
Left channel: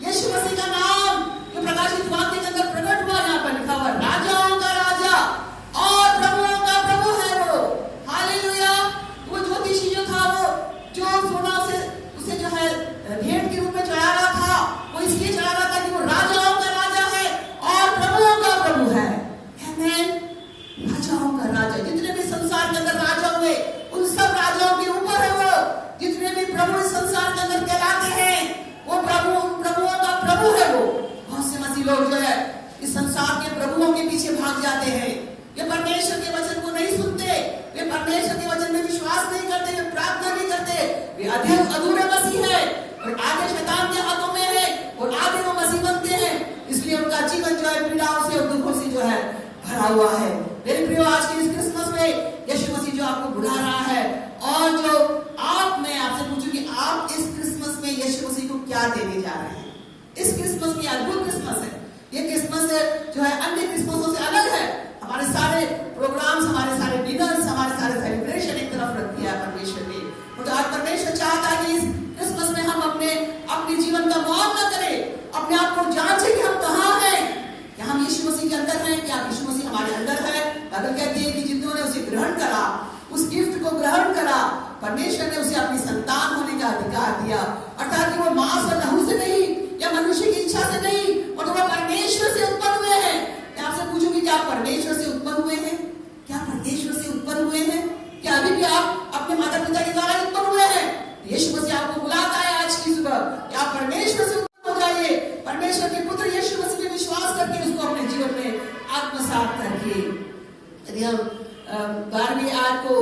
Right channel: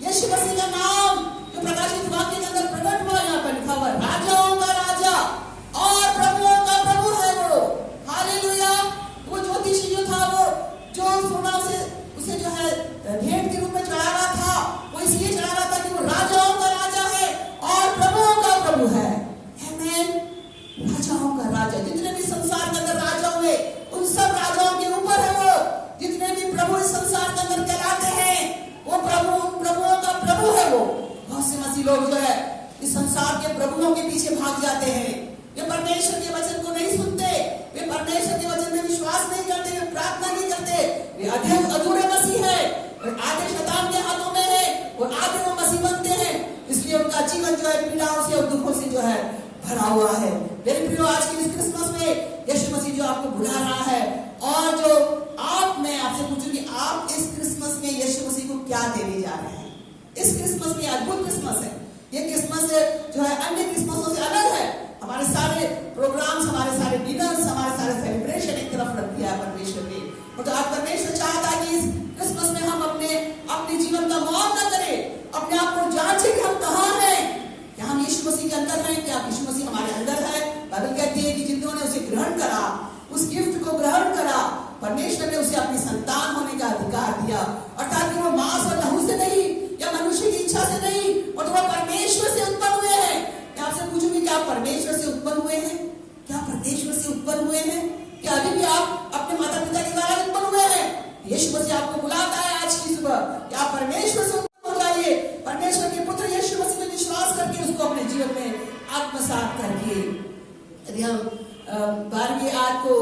यीशु मसीह का नाम जो प्रकाशित वाक्य के अंदर प्रकट हुआ। यहाँ पर लिखा हुआ राजाओं का राजा और प्रभुओं का प्रभु है वो। हालेलुया। वो ज्योतिषी जो था वो जो सोना से उसे जो है भेंट के रूप में चढ़ा रहा था, वो इसलिए चढ़ा रहा था कि वो राजाओं का राजा है और प्रभुओं का प्रभु है। राजाओं का राजा। प्रभु है वो। बहुत से मसीह लोग जो है इस संसार के प्रभुओं के पीछे भाग जाते हैं। वे परमेश्वर के वचन को नहीं सुनते, वे परमेश्वर के वचन में विश्वास नहीं करते, वे प्रार्थना नहीं करते, वे अधूरे मसीह है और आधे शैतान के हाथों में है और आधे वो मसीह बनते हैं। इसलिए उनका जीवन जो है पीड़ाओं से और दुखों से जो है भरा हुआ है। मेरे प्रियो, आज के इस क्रिसमस में यीशु मसीह जो आपको बुला रहा है और जो मैं आपसे पूछूं कि आप इस क्रिसमस में यीशु मसीह को क्या देने जा रहे हैं। इस क्रिसमस में अद्भुत क्रिसमस है। ये क्रिसमस जो है अन्य क्रिसमसों से अलग है। हमारे सारे प्रोग्राम्स, हमारे सारे डिनर्स, हमारे सारे सेलिब्रेशन एक तरफ रख दिया है परमेश्वर ने। तो आज परमेश्वर चाहता है कि इस क्रिसमस में हम अपने जीवन का मुआवजा करें, अपने आप को जांचें कि हम कहाँ हैं, क्या हम यीशु मसीह के अंदर हैं, क्या यीशु मसीह हमारे अंदर है। बाइबल कहती है कि जिन्होंने उसे ग्रहण करा, उस गिफ्ट को ग्रहण करा, परमेश्वर ने उसे अपनी संतान होने का अधिकार दिया। अर्थात कि वो मां से लहू से नहीं या मनुष्य की इच्छा से नहीं, और वो परमेश्वर से उत्पन्न हुए हैं। मैं आपसे पूछूंगी, क्या आप परमेश्वर से उत्पन्न हुए हैं? क्या परमेश्वर से उत्पन्न हुए हैं? क्या अभी भी आप अपने माता पिता के द्वारा उत्पन्न हुए हैं? यीशु मसीह आपको बुलाता है आज की सुबह कि आप परमेश्वर से उत्पन्न हो जाइए, परमेश्वर के पुत्र यीशु मसीह में विश्वास करके उसको अपने जीवन में आत्मसात करके। यदि हम 12वीं आयत को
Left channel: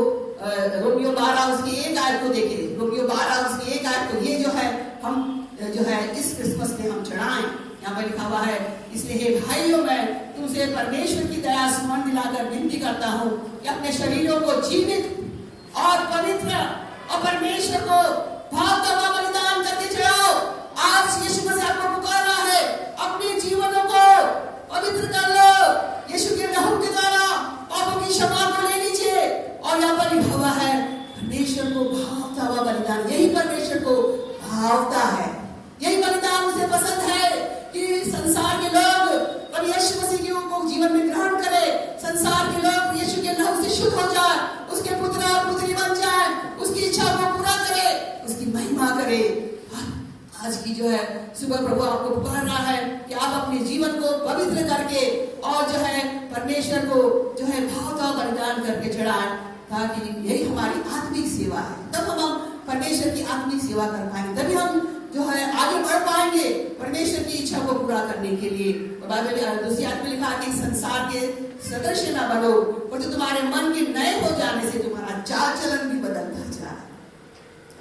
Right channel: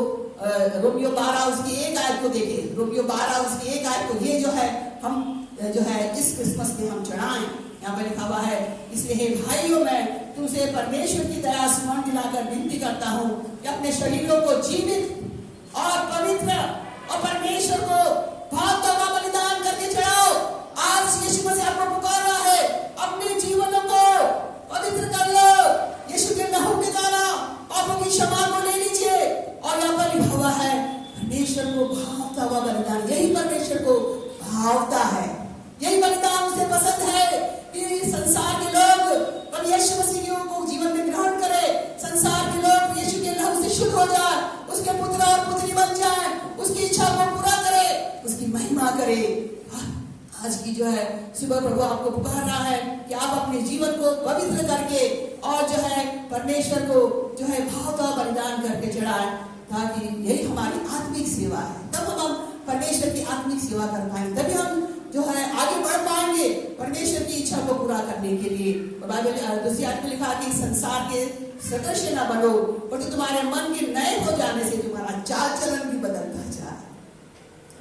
रोमियो 12 उसकी 1 आयत को देखें, रोमियो 12 उसकी 1 आयत को, ये जो है हम जो है इस क्रिसमस में हम चढ़ाएं। यहाँ पर लिखा हुआ है, इसलिए हे भाइयों, मैं तुमसे परमेश्वर की दया स्मरण दिलाकर विनती करता हूँ कि अपने शरीरों को जीवित और पवित्र और परमेश्वर को भावता हुआ बलिदान करके चढ़ाओ। आज यीशु मसीह आपको पुकार रहा है, अपने जीवनों को पवित्र कर लो। यीशु के लहू के द्वारा पापों की क्षमा को ले लीजिए। और यहाँ पर लिखा हुआ है, परमेश्वर को भावता हुआ बलिदान, यही परमेश्वर को भावता है, यही बलिदान उसे पसंद है कि संसार के लोग पर यीशु मसीह को जीवन में ग्रहण करें, संसार के लोग यीशु के लहू से शुद्ध हो जाए, उसके पुत्र और पुत्री बन जाए, उसकी इच्छा को पूरा करे, उसकी महिमा करे। आज की जो है सुबह प्रभु आपको पुकार रहा है कि आप अपने जीवन को पवित्र करके और जो है परमेश्वर को जो है भावता बलिदान करके चढ़ाएं, ताकि यही हमारी आत्मिक सेवा है। तब हम परमेश्वर की आत्मिक सेवा कर पाएंगे, तभी हम जो है आगे बढ़ पाएंगे परमेश्वर की इच्छा को पूरा करने के लिए। दूसरी आयत में लिखा कि संसार के सदस्य न बनो, और तो तुम्हारे मन के नए हो जाने से तुम्हारा चाल चलन भी बदलता जाए।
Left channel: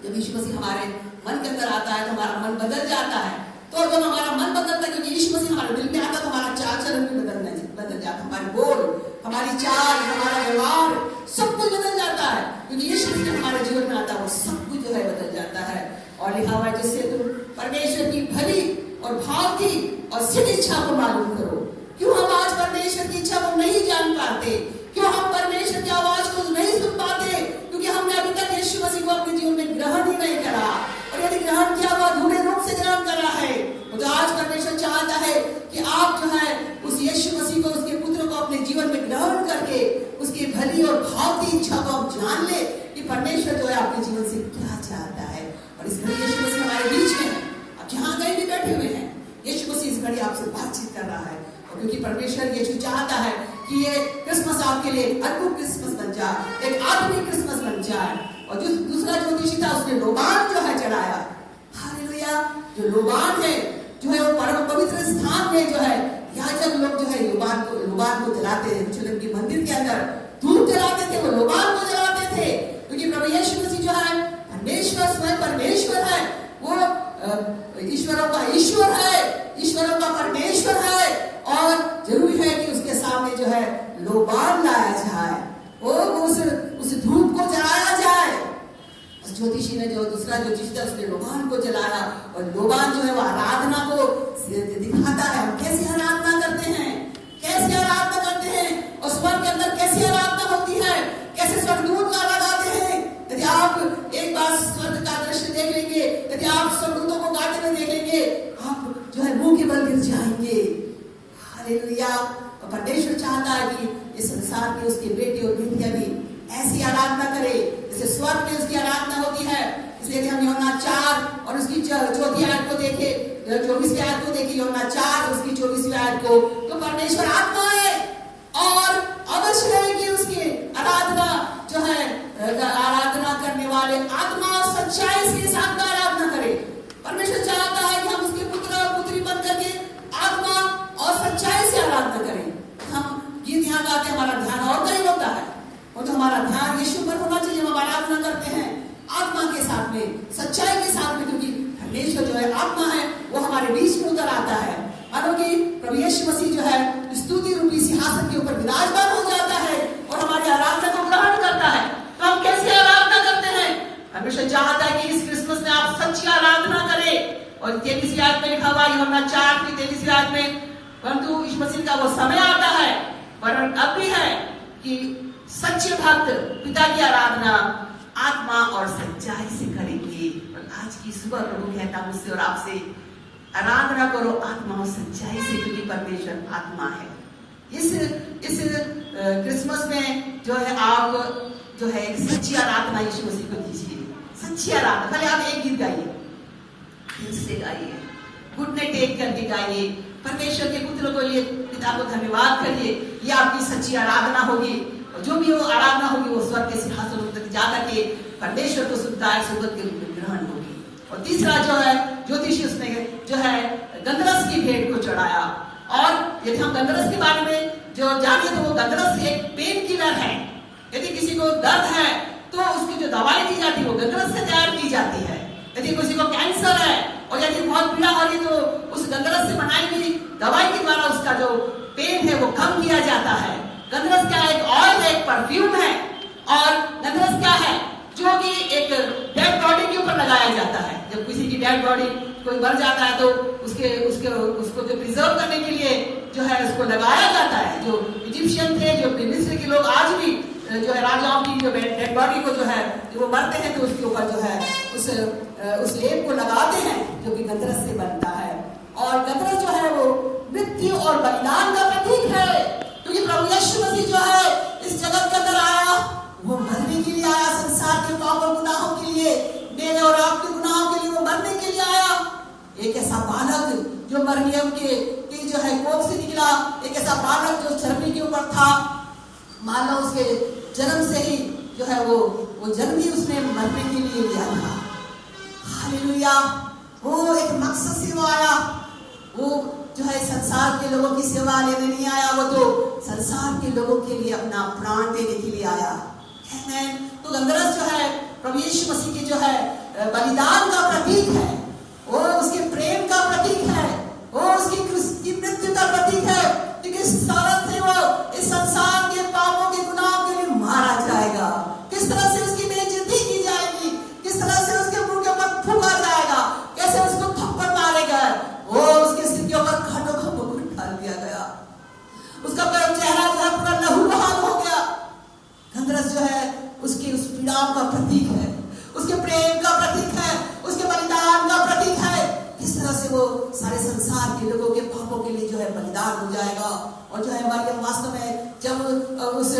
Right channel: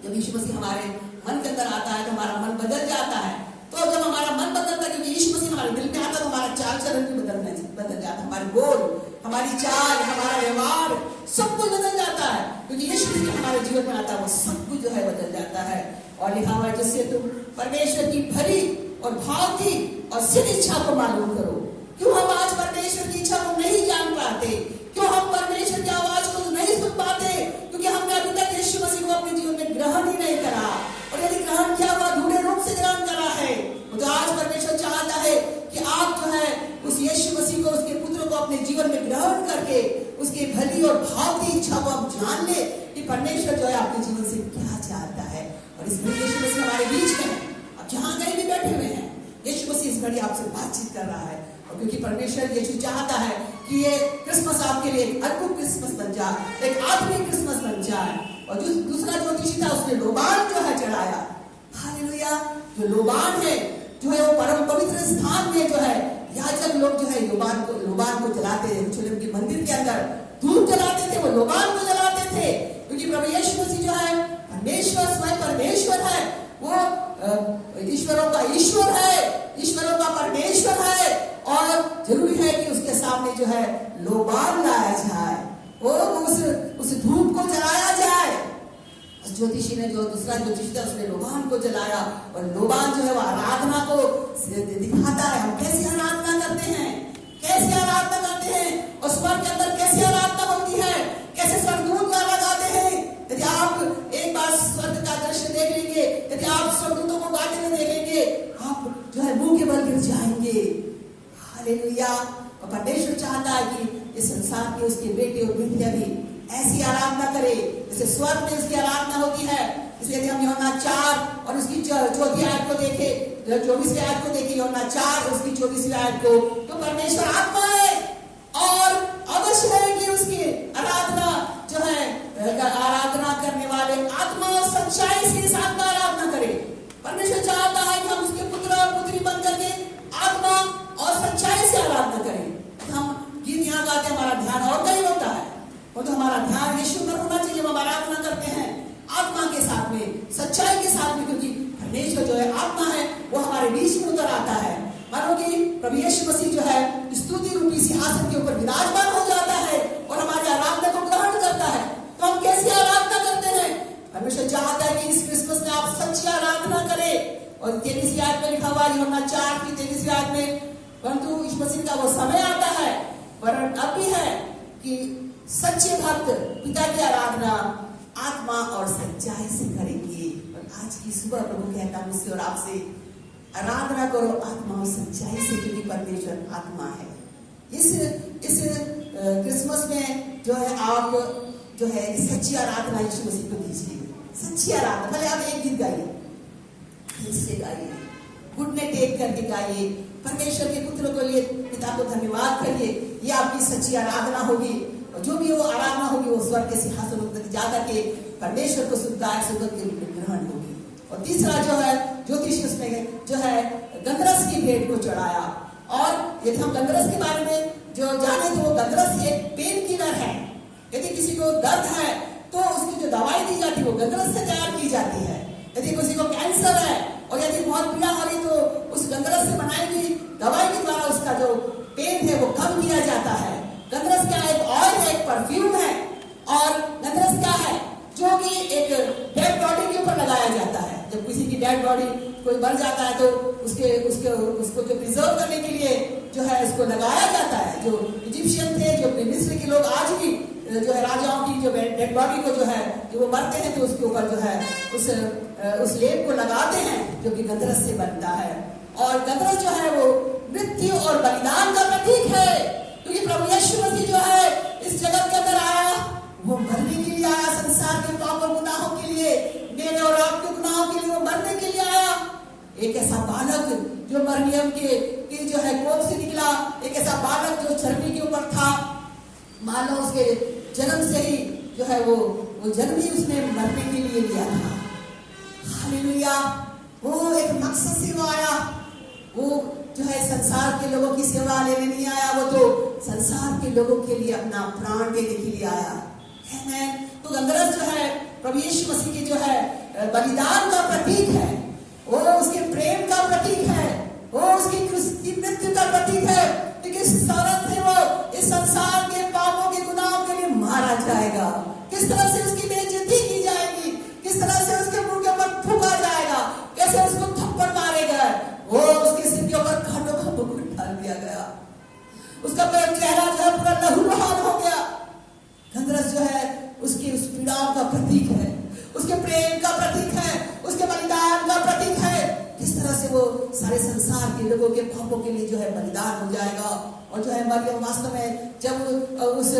जब यीशु मसीह हमारे मन के अंदर आता है तो हमारा मन बदल जाता है। तो जब हमारा मन बदलता है, क्योंकि यीशु मसीह हमारे दिल में आता है, तो हमारा चाल चलन भी बदल जाता है। हमारी बोल, हमारी चाल, हमारा व्यवहार सब कुछ बदल जाता है, क्योंकि यीशु मसीह हमारे जीवन में आता है, वो सब कुछ जो है बदल जाता है। और लिखा हुआ है, जिससे तुम परमेश्वर की भली और भावती और सिद्ध इच्छा को मालूम करो। क्यों हम आज परमेश्वर की इच्छा को नहीं जान पाते? क्यों हम परमेश्वर की आवाज को नहीं सुन पाते? क्योंकि हमने अभी तक यीशु मसीह को अपने जीवन में ग्रहण ही नहीं करा, और यदि ग्रहण किया हुआ अधूरे रूप से ग्रहण करा है। तो आज परमेश्वर चाहता है कि आप जो है उस यीशु मसीह को, उसके पुत्र को अपने जीवन में ग्रहण करके उसकी भली और भावती इच्छा को हम जान ले कि परमेश्वर जो है अपने जीवन से क्या चाहता है। और इस घड़ी यीशु मसीह हमारे बीच में है, अब जहां कहीं भी बैठे हुए हैं, यीशु मसीह इस घड़ी आपसे बातचीत कर रहा है। और क्योंकि परमेश्वर यीशु चाहता है कि ये क्रिसमस आपके लिए एक अद्भुत क्रिसमस बन जाए, एक आत्मिक क्रिसमस बन जाए। और जो दूसरा ज्योतिषी था, उसने लोबान जो है चढ़ाया। हालेलुया। जो लोबान है, जो है वो परम पवित्र स्थान में जो है याजक लोग जो है लोबान को जलाते थे। यरूशलेम के मंदिर के अंदर धूप जलाते थे, वो लोबान को जलाते थे, क्योंकि प्रभु यीशु मसीह जो है परमेश्वर, स्वयं परमेश्वर है। वो ईश्वरों का ईश्वर है, ईश्वरों का परमेश्वर है, और जरूरी है कि उसके सामने जो है लोबान लाया जाए, वो उस धूप को जलाया जाए। उस ज्योतिषी ने, जो दूसरा ज्योतिषी था, उसने लोबान को जलाया। और लोबान जो है वो आराधना को दिखाता है। हम कैसे आराधना करते हैं, कैसे आराधना करते हैं, और स्वर्ग के अंदर कैसे आराधना होती है, कैसे स्वर्गदूत गाना गाते हैं। यदि आप एक बार स्वर्ग का दृश्य देख लेंगे, यदि आप स्वर्गदूतों को गाते हुए देखेंगे, आप जो है मुंह के बल गिर जाएंगे। हालेलुया। और परमेश्वर चाहता है कि इस संसार के उसके बेटे और बेटियां भी ऐसी आराधना करे जैसे स्वर्ग में उसकी आराधना होती है। इसलिए हम यूहन्ना 4 और उसकी 4वीं आयत को देखें, 24वीं आयत को देखें, यूहन्ना 4 उसकी 24वीं आयत को, तो परमेश्वर आत्मा है और अवश्य रहेगी उसकी आराधना जो है, आराधना करने वाले आत्मा और सच्चाई से साथ आराधना करे। परमेश्वर चाहता है कि हम उसके पुत्र और पुत्री बनकर प्रभु यीशु मसीह जो है स्तुति रूपी सिंहासन के ऊपर विराजमान हो जाता है और हमारी आराधना को ग्रहण करता है। तो हम कैसी आराधना करते हैं? परमेश्वर चाहता है कि इस क्रिसमस में आप सच्ची आराधना करें। और 23वीं आयत में लिखा हुआ यूहन्ना 4 की 23वीं आयत में, परंतु यीशु मसीह का वो समय आता है पर अब भी है कि सच्चे भक्त पिता की आराधना आत्मा और सच्चाई से करेंगे। और आज की सुबह प्रभु कहता मुझसे और आपसे, आराधना करो आत्मा और सच्चाई से, क्योंकि परमेश्वर आत्मा है। इस क्रिसमस में जो है आप जो है एक सच्ची आराधना यीशु मसीह को दीजिए। सच्ची आराधना, भले आप एक गीत गाइए, दिल से गाइए, घुटने टेक करके गाइए, परमेश्वर के पुत्र को लिए पिता को धन्यवाद करिए। ये आपकी सच्ची आराधना होगी। और जो भी वो आराधना होगी वो स्वर्ग के सिंहासन तक जाकर के परमेश्वर को सुखदायक सुगंध के रूप में ग्रहण होगी। और तीसरा जो है ज्योतिषी उसने जो है गंधरस की भेंट को चढ़ाया। और यदि हम गंधरस के बारे में जो जाने तो वो गंधरस एक पेन किलर है। यदि किसी को दर्द है तो उसकी जो दवाई दी जाती है वो गंधरस से तैयार की जाती है। यदि किसी को कैंसर है और यदि बहुत पीड़ा हो रही तो उस गंधरस से बनाई गई दवाई के द्वारा उसका जो पेन है वो कम किया जाता है। गंधरस क्या है? एक ऑयल है, एक परफ्यूम है। और गंधरस क्या है? जो कि एक डेड बॉडी के ऊपर लगाया जाता है। जब किसी की डेड बॉडी कोई मर जाता है तो उसको जो प्रिजर्व करने के लिए जो है उसको लगाया जाता है। जो इजिप्शियन थे, जो मिस्र के लोग आज भी जो है राजाओं की जो डेड बॉडी को जो है जो वो मरते हैं तो उसके ऊपर जो है उस लेप को लगाते हैं जो कि गंधरस से बनता है। और गंधरस जो है वो मृत्यु और बलिदान का प्रतीक है, क्योंकि प्रभु यीशु मसीह जो है इस जगत के अंदर आया, वो मरने के लिए आया, संसार के पाप और गुनाहों के लिए, मेरे और आपके गुनाहों के लिए वो मरने के लिए आया। एक ऐसा बालक जो मरियम के जो है कोख से निकला, एक ऐसा बालक जो चर्बी के ऊपर था, मान लो उसके जन्म से ही जो है वो जन्म ही उसने मरने के लिए लिया था। हालेलुया। वो एक मकसद से वो आया। वो जो है संसार के लोगों की सेवा लेने नहीं आया, वो तो संसार के लोगों के लिए अपना प्राण देने के लिए आया। तो गंधरस जो है प्रभु यीशु मसीह के जो है बलिदान का प्रतीक है, वो उसके प्रेम का प्रतीक है, वो उसकी मृत्यु का प्रतीक है। किस तरह से वो इस संसार के पापों के गुनाहों के लिए मारा जाएगा, किस तरह से उसकी बेइज्जती की जाएगी, किस तरह से उसके मुंह के ऊपर थूका जाएगा, कैसे उसको थप्पड़ मारे गए, वो उसके सिर के ऊपर कांटों का मुकुट डाल दिया गया, उसका चेहरा जो है पूरा लहूलुहान हो गया। गंधरस जो है उसकी उस पीड़ाओं का प्रतीक है, उसके प्रेम का प्रतीक है, उसके बलिदान का प्रतीक है। किस तरह से वो सारे संसार के लोगों के पापों के लिए जो है बलिदान हो जाएगा। और जो है मरियम वास्तव में जब उस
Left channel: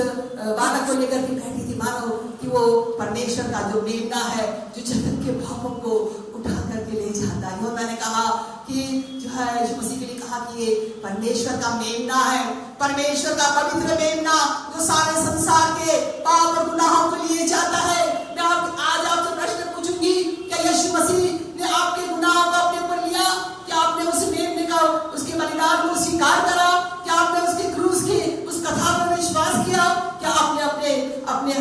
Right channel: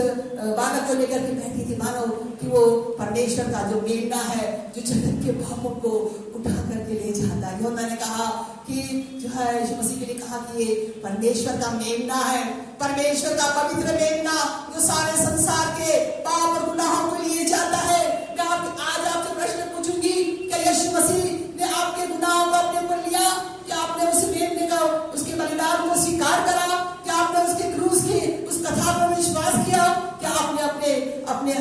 बालक को लेकर के बैठी थी, मानो कि वो परमेश्वर का जो मेमना है, जो जगत के पापों को उठा करके ले जाता है। मैंने कहा कि जो है यीशु मसीह के लिए कहा कि ये परमेश्वर का मेमना है, परमेश्वर का पवित्र मेमना जो सारे संसार के पाप और गुनाहों को लिए जाता है। मैं आज आपसे प्रश्न पूछूंगी, क्या यीशु मसीह ने आपके गुनाहों को अपने ऊपर लिया? क्या आपने उस मेमने का, उसके बलिदान को स्वीकार करा? क्या आपने उसके क्रूस की उस कथा पर विश्वास किया? क्या आपने अपने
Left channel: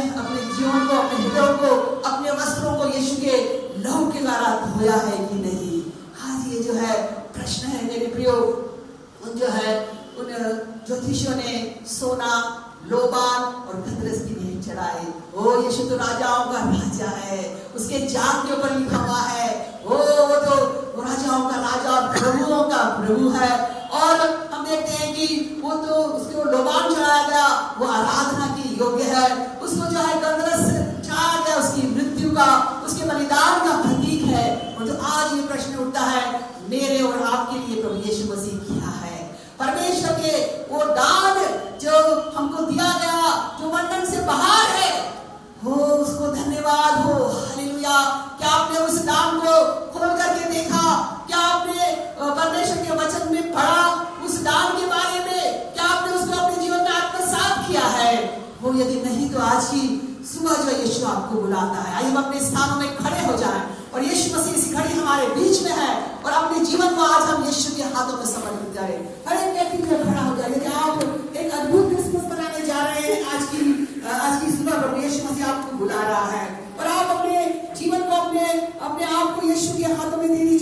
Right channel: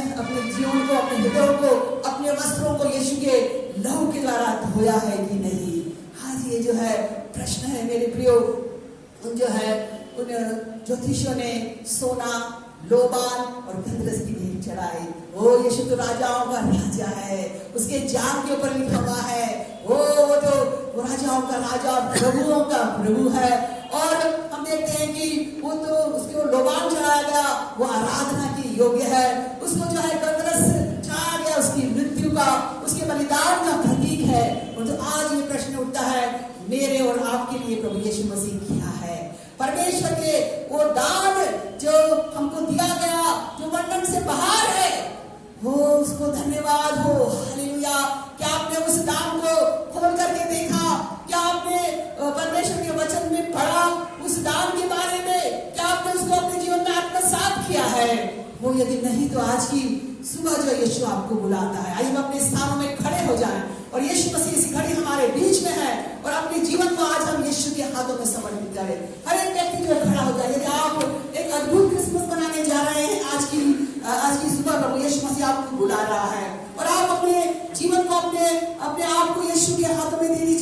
जीवन को, अपने हृदय को, अपने वस्त्रों को यीशु के लहू के द्वारा धोया है कि नहीं? आज ये जो है प्रश्न है मेरे प्रियो। उन जो है उन ज्योतिषियों ने सोना, लोबान और गंधरस की भेंट चढ़ाई। वो यीशु तो राजाओं का राजा है, उसके जान के ऊपर लिखा हुआ है वो तो राजाओं का राजा, प्रभुओं का प्रभु है। और हम देखते हैं कि वो तो उसको लोबान चढ़ाया गया, वो आराधना की योग्य है। उसको जो है गंधरस चढ़ाया गया, उसकी मृत्यु का, उसके बलिदान का प्रतीक है। और तो आज ये प्रश्न उठता है मेरे और आपके लिए प्रभु यीशु मसीह क्या है? परमेश्वर के वो दान जो हमको दिया गया, जो वर्णन से बाहर है, हो उसको धन्यवाद हो। हालेलुया। क्या आपने उस दान को खोल करके देखा? क्या आपने परमेश्वर के वचन में पढ़ा उस दान के बारे में? क्या आपने उसको अपने जीवन में आत्मसात किया है? वो यदि नहीं तो आज की सुबह जो यीशु आपको बुलाता है। आइए हम अपने स्थानों में खड़े हो जाएं और यीशु मसीह इस घड़ी हमारे बीच में है और अपने जीवन को आज हम यीशु के हाथों में समर्पित करें। हर एक व्यक्ति को खड़ा हो जाए। यदि आप एक अद्भुत क्रिसमस मनाने जा रहे हैं, आज की सुबह प्रभु यीशु मसीह आपको बुला रहा है और आप अपने जीवन को अपने आप को यीशु के हाथों में दे